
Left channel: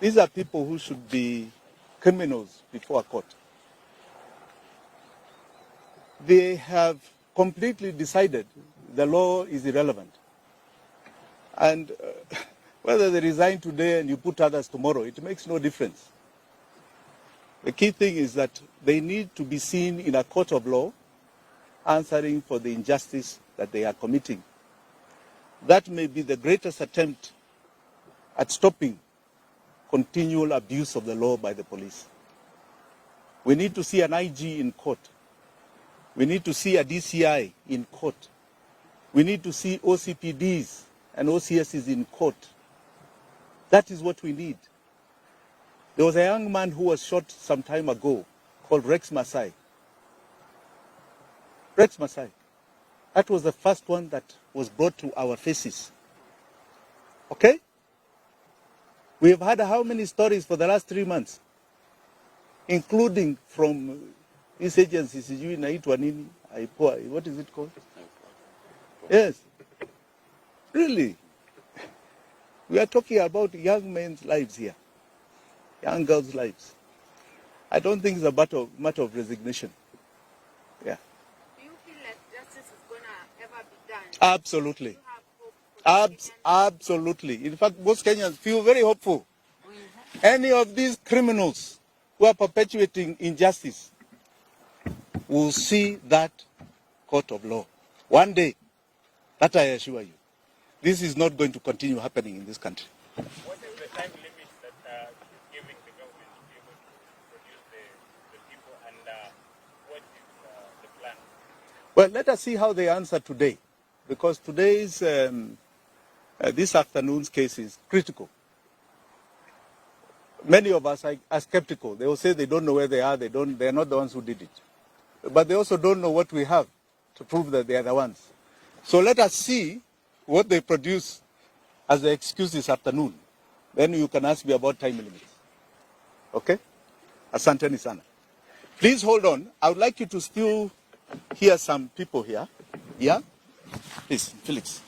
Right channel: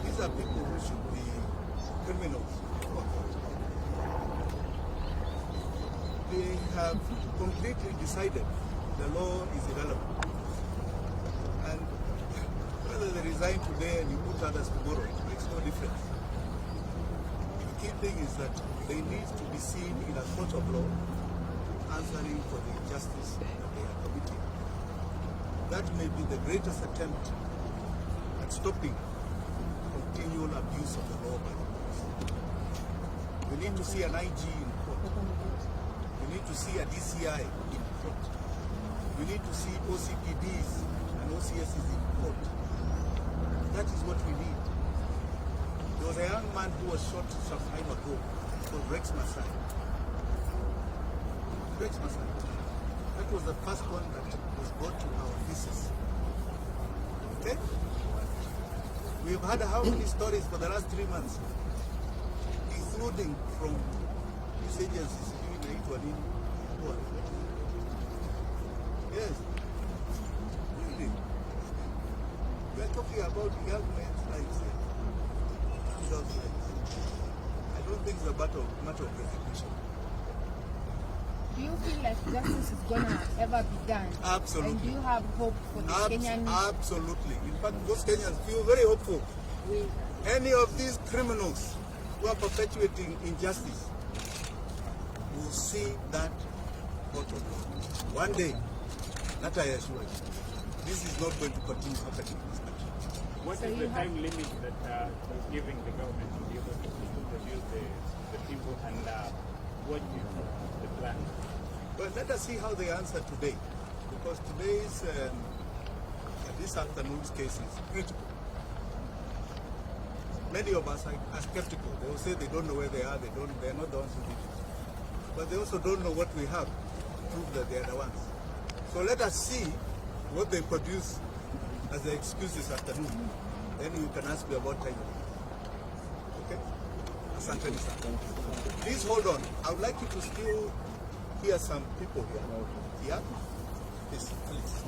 These are people who should be criminals before a court. They have completely decided the law is irrelevant. And whether they resign today and you put others tomorrow, it makes no difference. The key thing is that they need to be seen in a court of law answering for the injustice that they are committing. That may be the greatest attempt at stopping continual abuse of the law by the police. We need to see an IG in court. We need to see a DCI in court. We need to see OCPDs and OCSs in court. That is what we need. There was a young man who was shot some time ago called Rex Masai. Rex Masai. That was the first one that was brought to our faces. Okay? We have had how many stories for the last 3 months? Including from these agencies, what is it called? Yes. Really? We are talking about young men's lives here. Young girls' lives. I don't think it's a matter of resignation. Yeah. Do you feel like justice is gonna ever be done? Absolutely. And do you have hope for the Kenyan? Absolutely. In fact, most Kenyans feel very hopeful. Any of these criminals who are perpetuating injustice will see that court of law. One day, that I assure you, this is not going to continue happening in this country. What is the time limit that is giving the government to be able to produce the people, and what is the plan? Well, let us see how they answer today, because today's, this afternoon's case is critical. Many of us are skeptical. They will say they don't know where they are, they're not the ones who did it. But they also don't know what we have to prove that they are the ones. So let us see what they produce as the excuse this afternoon. Then you can ask me about time limit. Okay? Asanteni sana. Please hold on. I would like you to still hear some people here. Yeah? Please, Felix.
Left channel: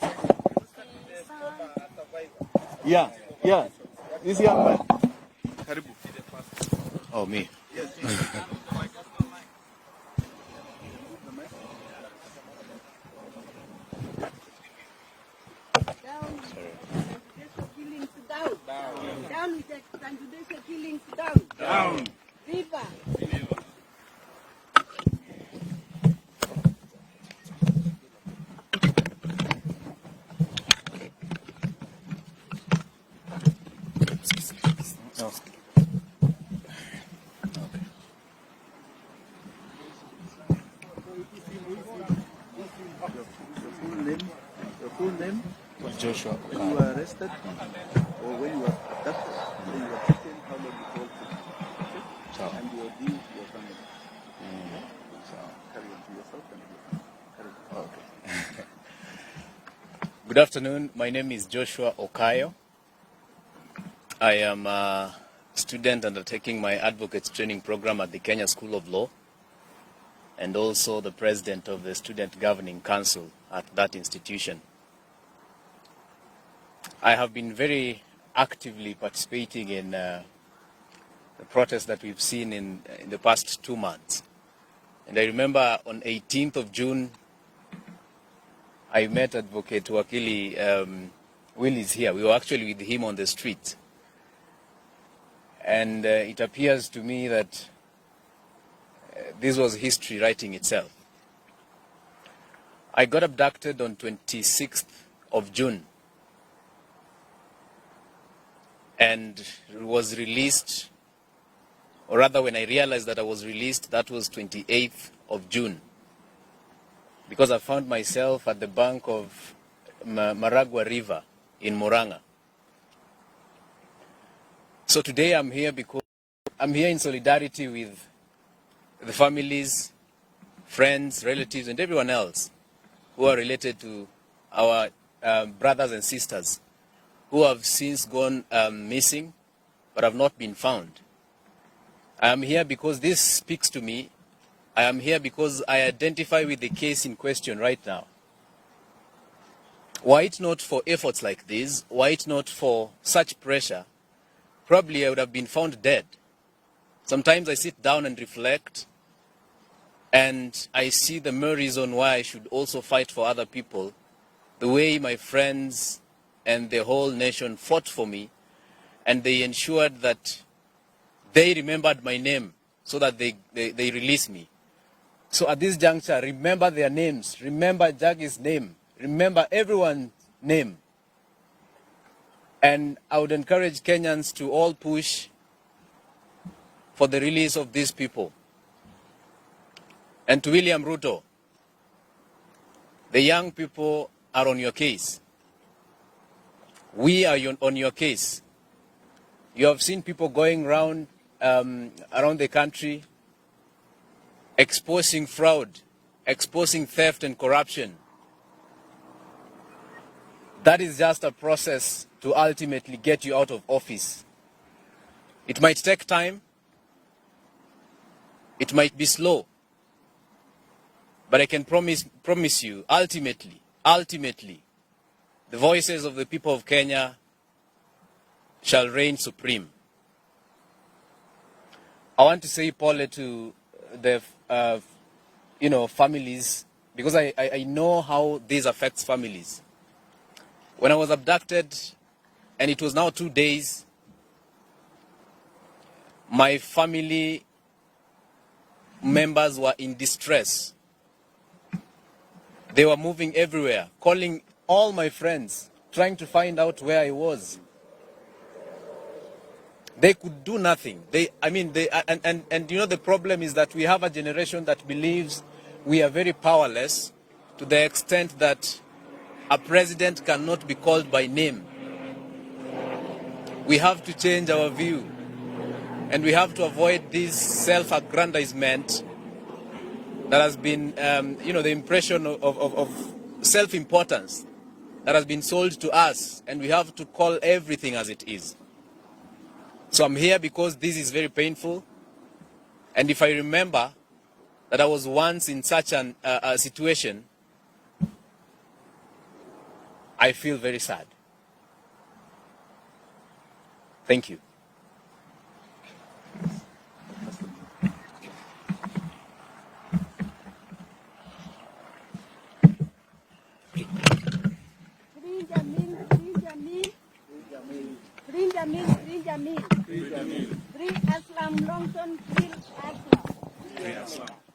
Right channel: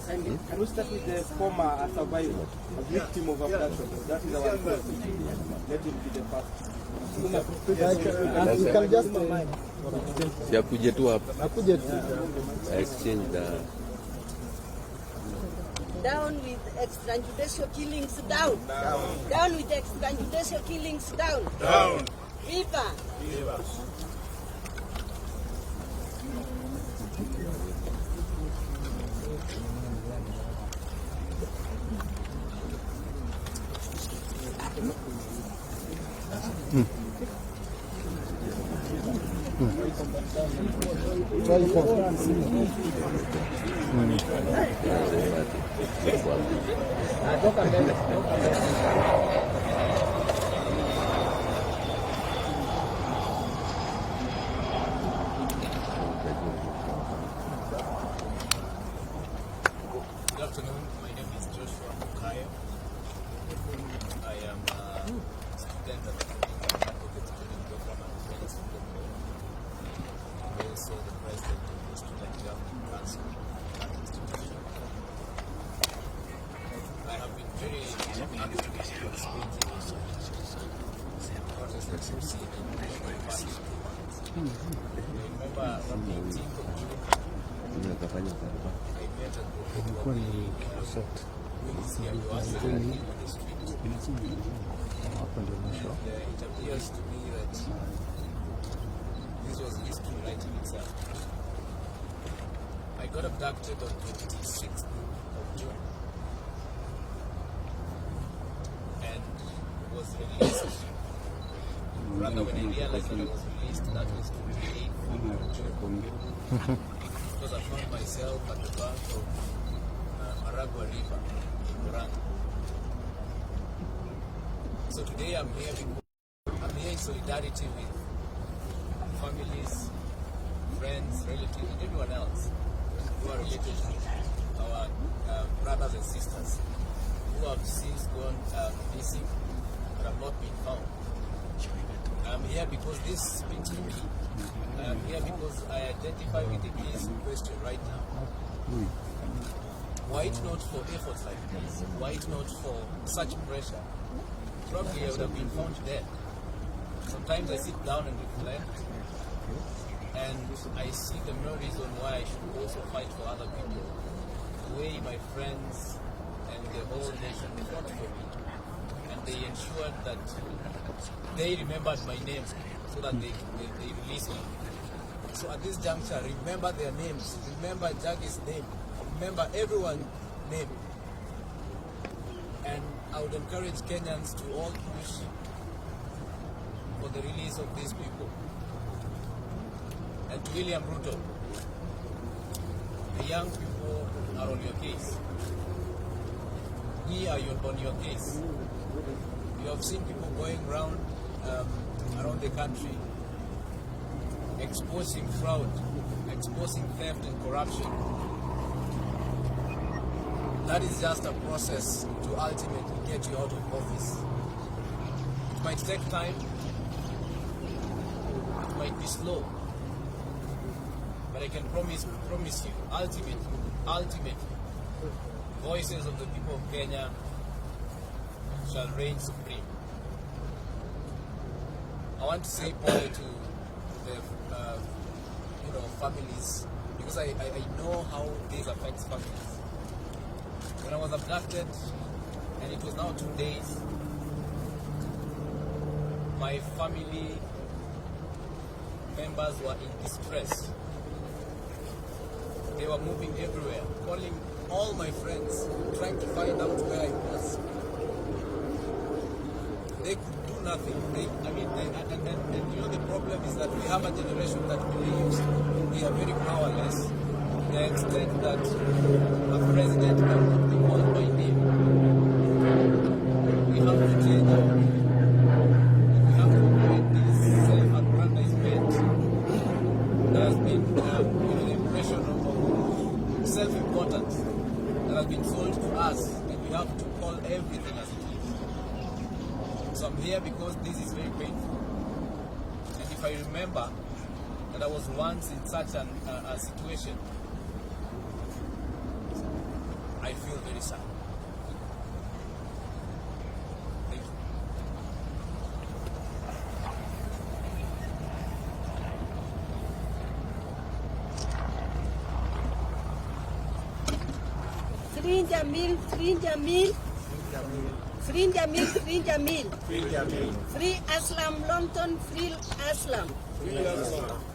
Can we start with the former survivor? Yeah, Victim of yeah. abduction. That This is young man. help him be the first. Okay. Ya kuja tu hapa. Exchange the Down with extrajudicial killings, down. Down with extrajudicial killings, down. Down. Viva. Good afternoon. My name is Joshua Okayo. I am a student undertaking my advocates training program at the Kenya School of Law, and also the president of the Student Governing Council at that institution. I have been very actively participating in protests that we've seen in the past 2 months. And I remember on 18th of June, I met Advocate Wakili Willis here. We were actually with him on the street. And it appears to me that this was history writing itself. I got abducted on 26th of June and was released, or rather when I realized that I was released, that was 28th of June. Because I found myself at the bank of Maragua River in Murang'a. So today I'm here because I'm here in solidarity with the families, friends, relatives, and everyone else who are related to our brothers and sisters who have since gone missing but have not been found. I am here because this speaks to me. I am here because I identify with the case in question right now. Were it not for efforts like this, were it not for such pressure, probably I would have been found dead. Sometimes I sit down and reflect, and I see the mere reason why I should also fight for other people, the way my friends and the whole nation fought for me, and they ensured that they remembered my name so that they released me. So at this juncture, remember their names, remember Jagi's name, remember everyone's name. And I would encourage Kenyans to all push for the release of these people. And to William Ruto, the young people are on your case. We are on your case. You have seen people going around the country exposing fraud, exposing theft and corruption. That is just a process to ultimately get you out of office. It might take time, it might be slow, but I can promise you, ultimately, the voices of the people of Kenya shall reign supreme. I want to say, Paul, to the families, because I know how this affects families. When I was abducted, and it was now 2 days, my family members were in distress. They were moving everywhere, calling all my friends, trying to find out where I was. They could do nothing. And you know, the problem is that we have a generation that believes we are very powerless to the extent that a president cannot be called by name. We have to change our view, and we have to avoid this self-aggrandizement that has been, you know, the impression of self-importance that has been sold to us, and we have to call everything as it is. So I'm here because this is very painful, and if I remember that I was once in such a situation, I feel very sad. Thank you. Free Jamil, free Jamil. Free Jamil, free Jamil. Free Aslam Longton, free Aslam.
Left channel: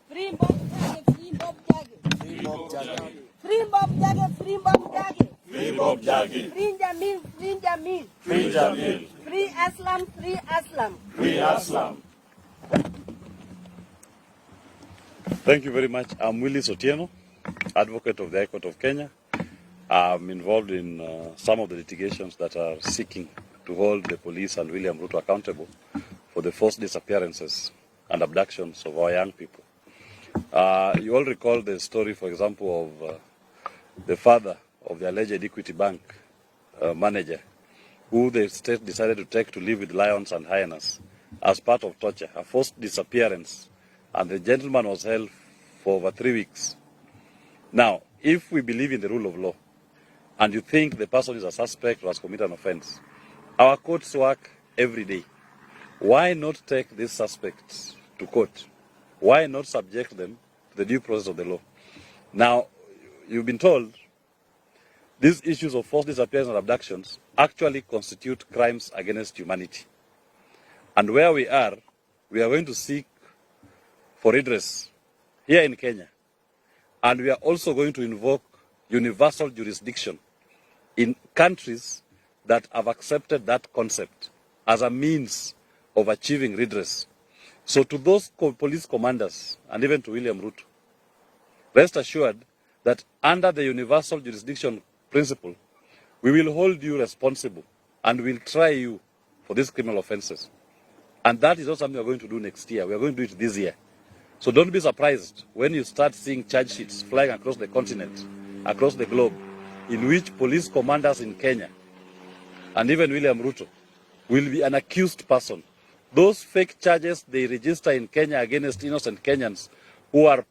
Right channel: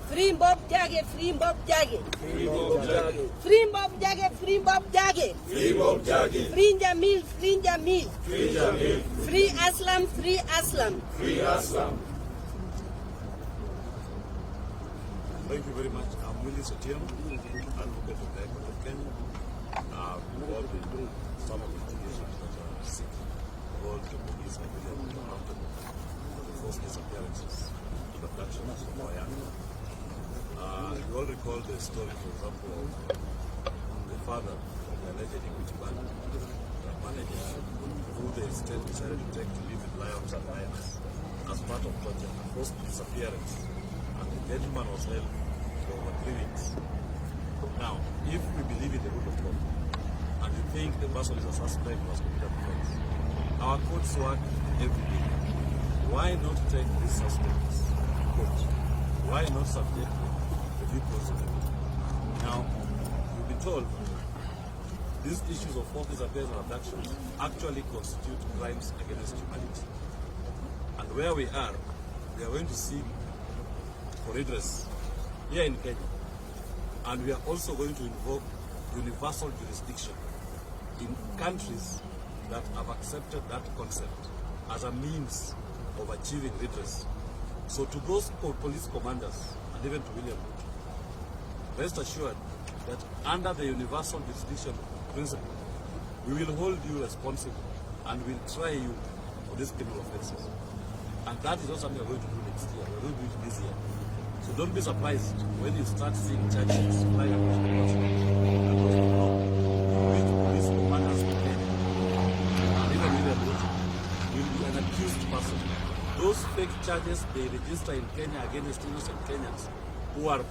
Free Bob Jage, free Bob Jage. Free Bob Jage, free Bob Jage. Free Bob Jage. Free Jamil, free Jamil. Free Jamil. Free Aslam, free Aslam. Free Aslam. Thank you very much. I'm Willis Otieno, advocate of the High Court of Kenya. I'm involved in some of the litigations that are seeking to hold the police and William Ruto accountable for the forced disappearances and abductions of our young people. You all recall the story, for example, of the father of the alleged Equity Bank manager, who the state decided to take to live with lions and hyenas as part of torture, a forced disappearance, and the gentleman was held for over 3 weeks. Now, if we believe in the rule of law, and you think the person is a suspect who has committed an offense, our courts work every day. Why not take these suspects to court? Why not subject them to the due process of the law? Now, you've been told these issues of forced disappearance and abductions actually constitute crimes against humanity. And where we are going to seek for redress here in Kenya. And we are also going to invoke universal jurisdiction in countries that have accepted that concept as a means of achieving redress. So to those police commanders, and even to William Ruto, rest assured that under the universal jurisdiction principle, we will hold you responsible and will try you for these criminal offenses. And that is not something we are going to do next year. We are going to do it this year. So don't be surprised when you start seeing charge sheets flying across the continent, across the globe, in which police commanders in Kenya and even William Ruto will be an accused person. Those fake charges they register in Kenya against innocent Kenyans who are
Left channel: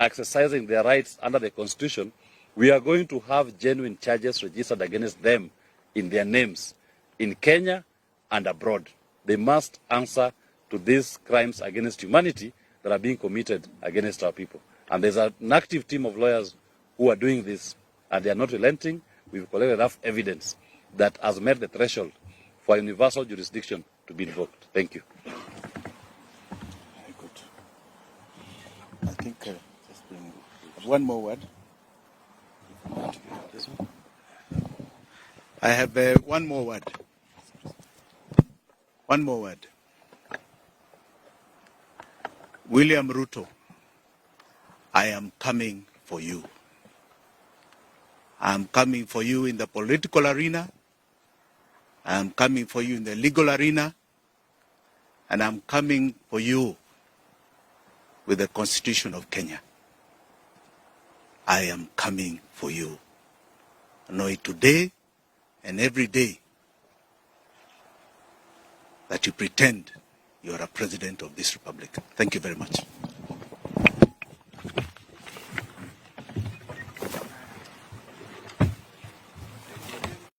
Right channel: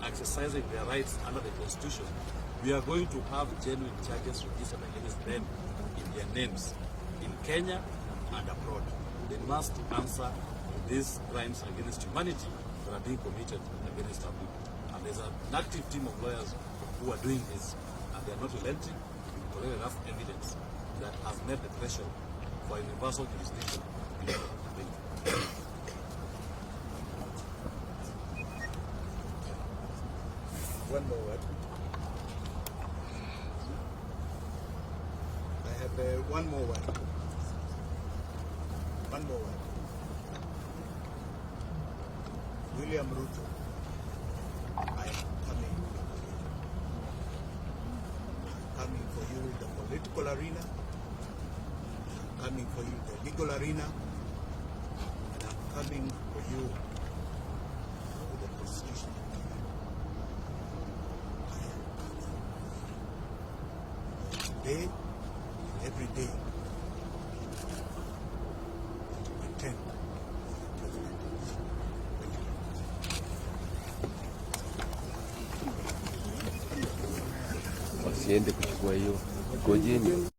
exercising their rights under the Constitution, we are going to have genuine charges registered against them in their names in Kenya and abroad. They must answer to these crimes against humanity that are being committed against our people. And there's an active team of lawyers who are doing this, and they are not relenting. We've collected enough evidence that has met the threshold for universal jurisdiction to be invoked. Thank you. I think one more word. I have one more word. One more word. William Ruto, I am coming for you. I am coming for you in the political arena. I am coming for you in the legal arena. And I'm coming for you with the Constitution of Kenya. I am coming for you. Know it today and every day that you pretend you are a president of this republic. Thank you very much. Wasiende kuchukua hiyo.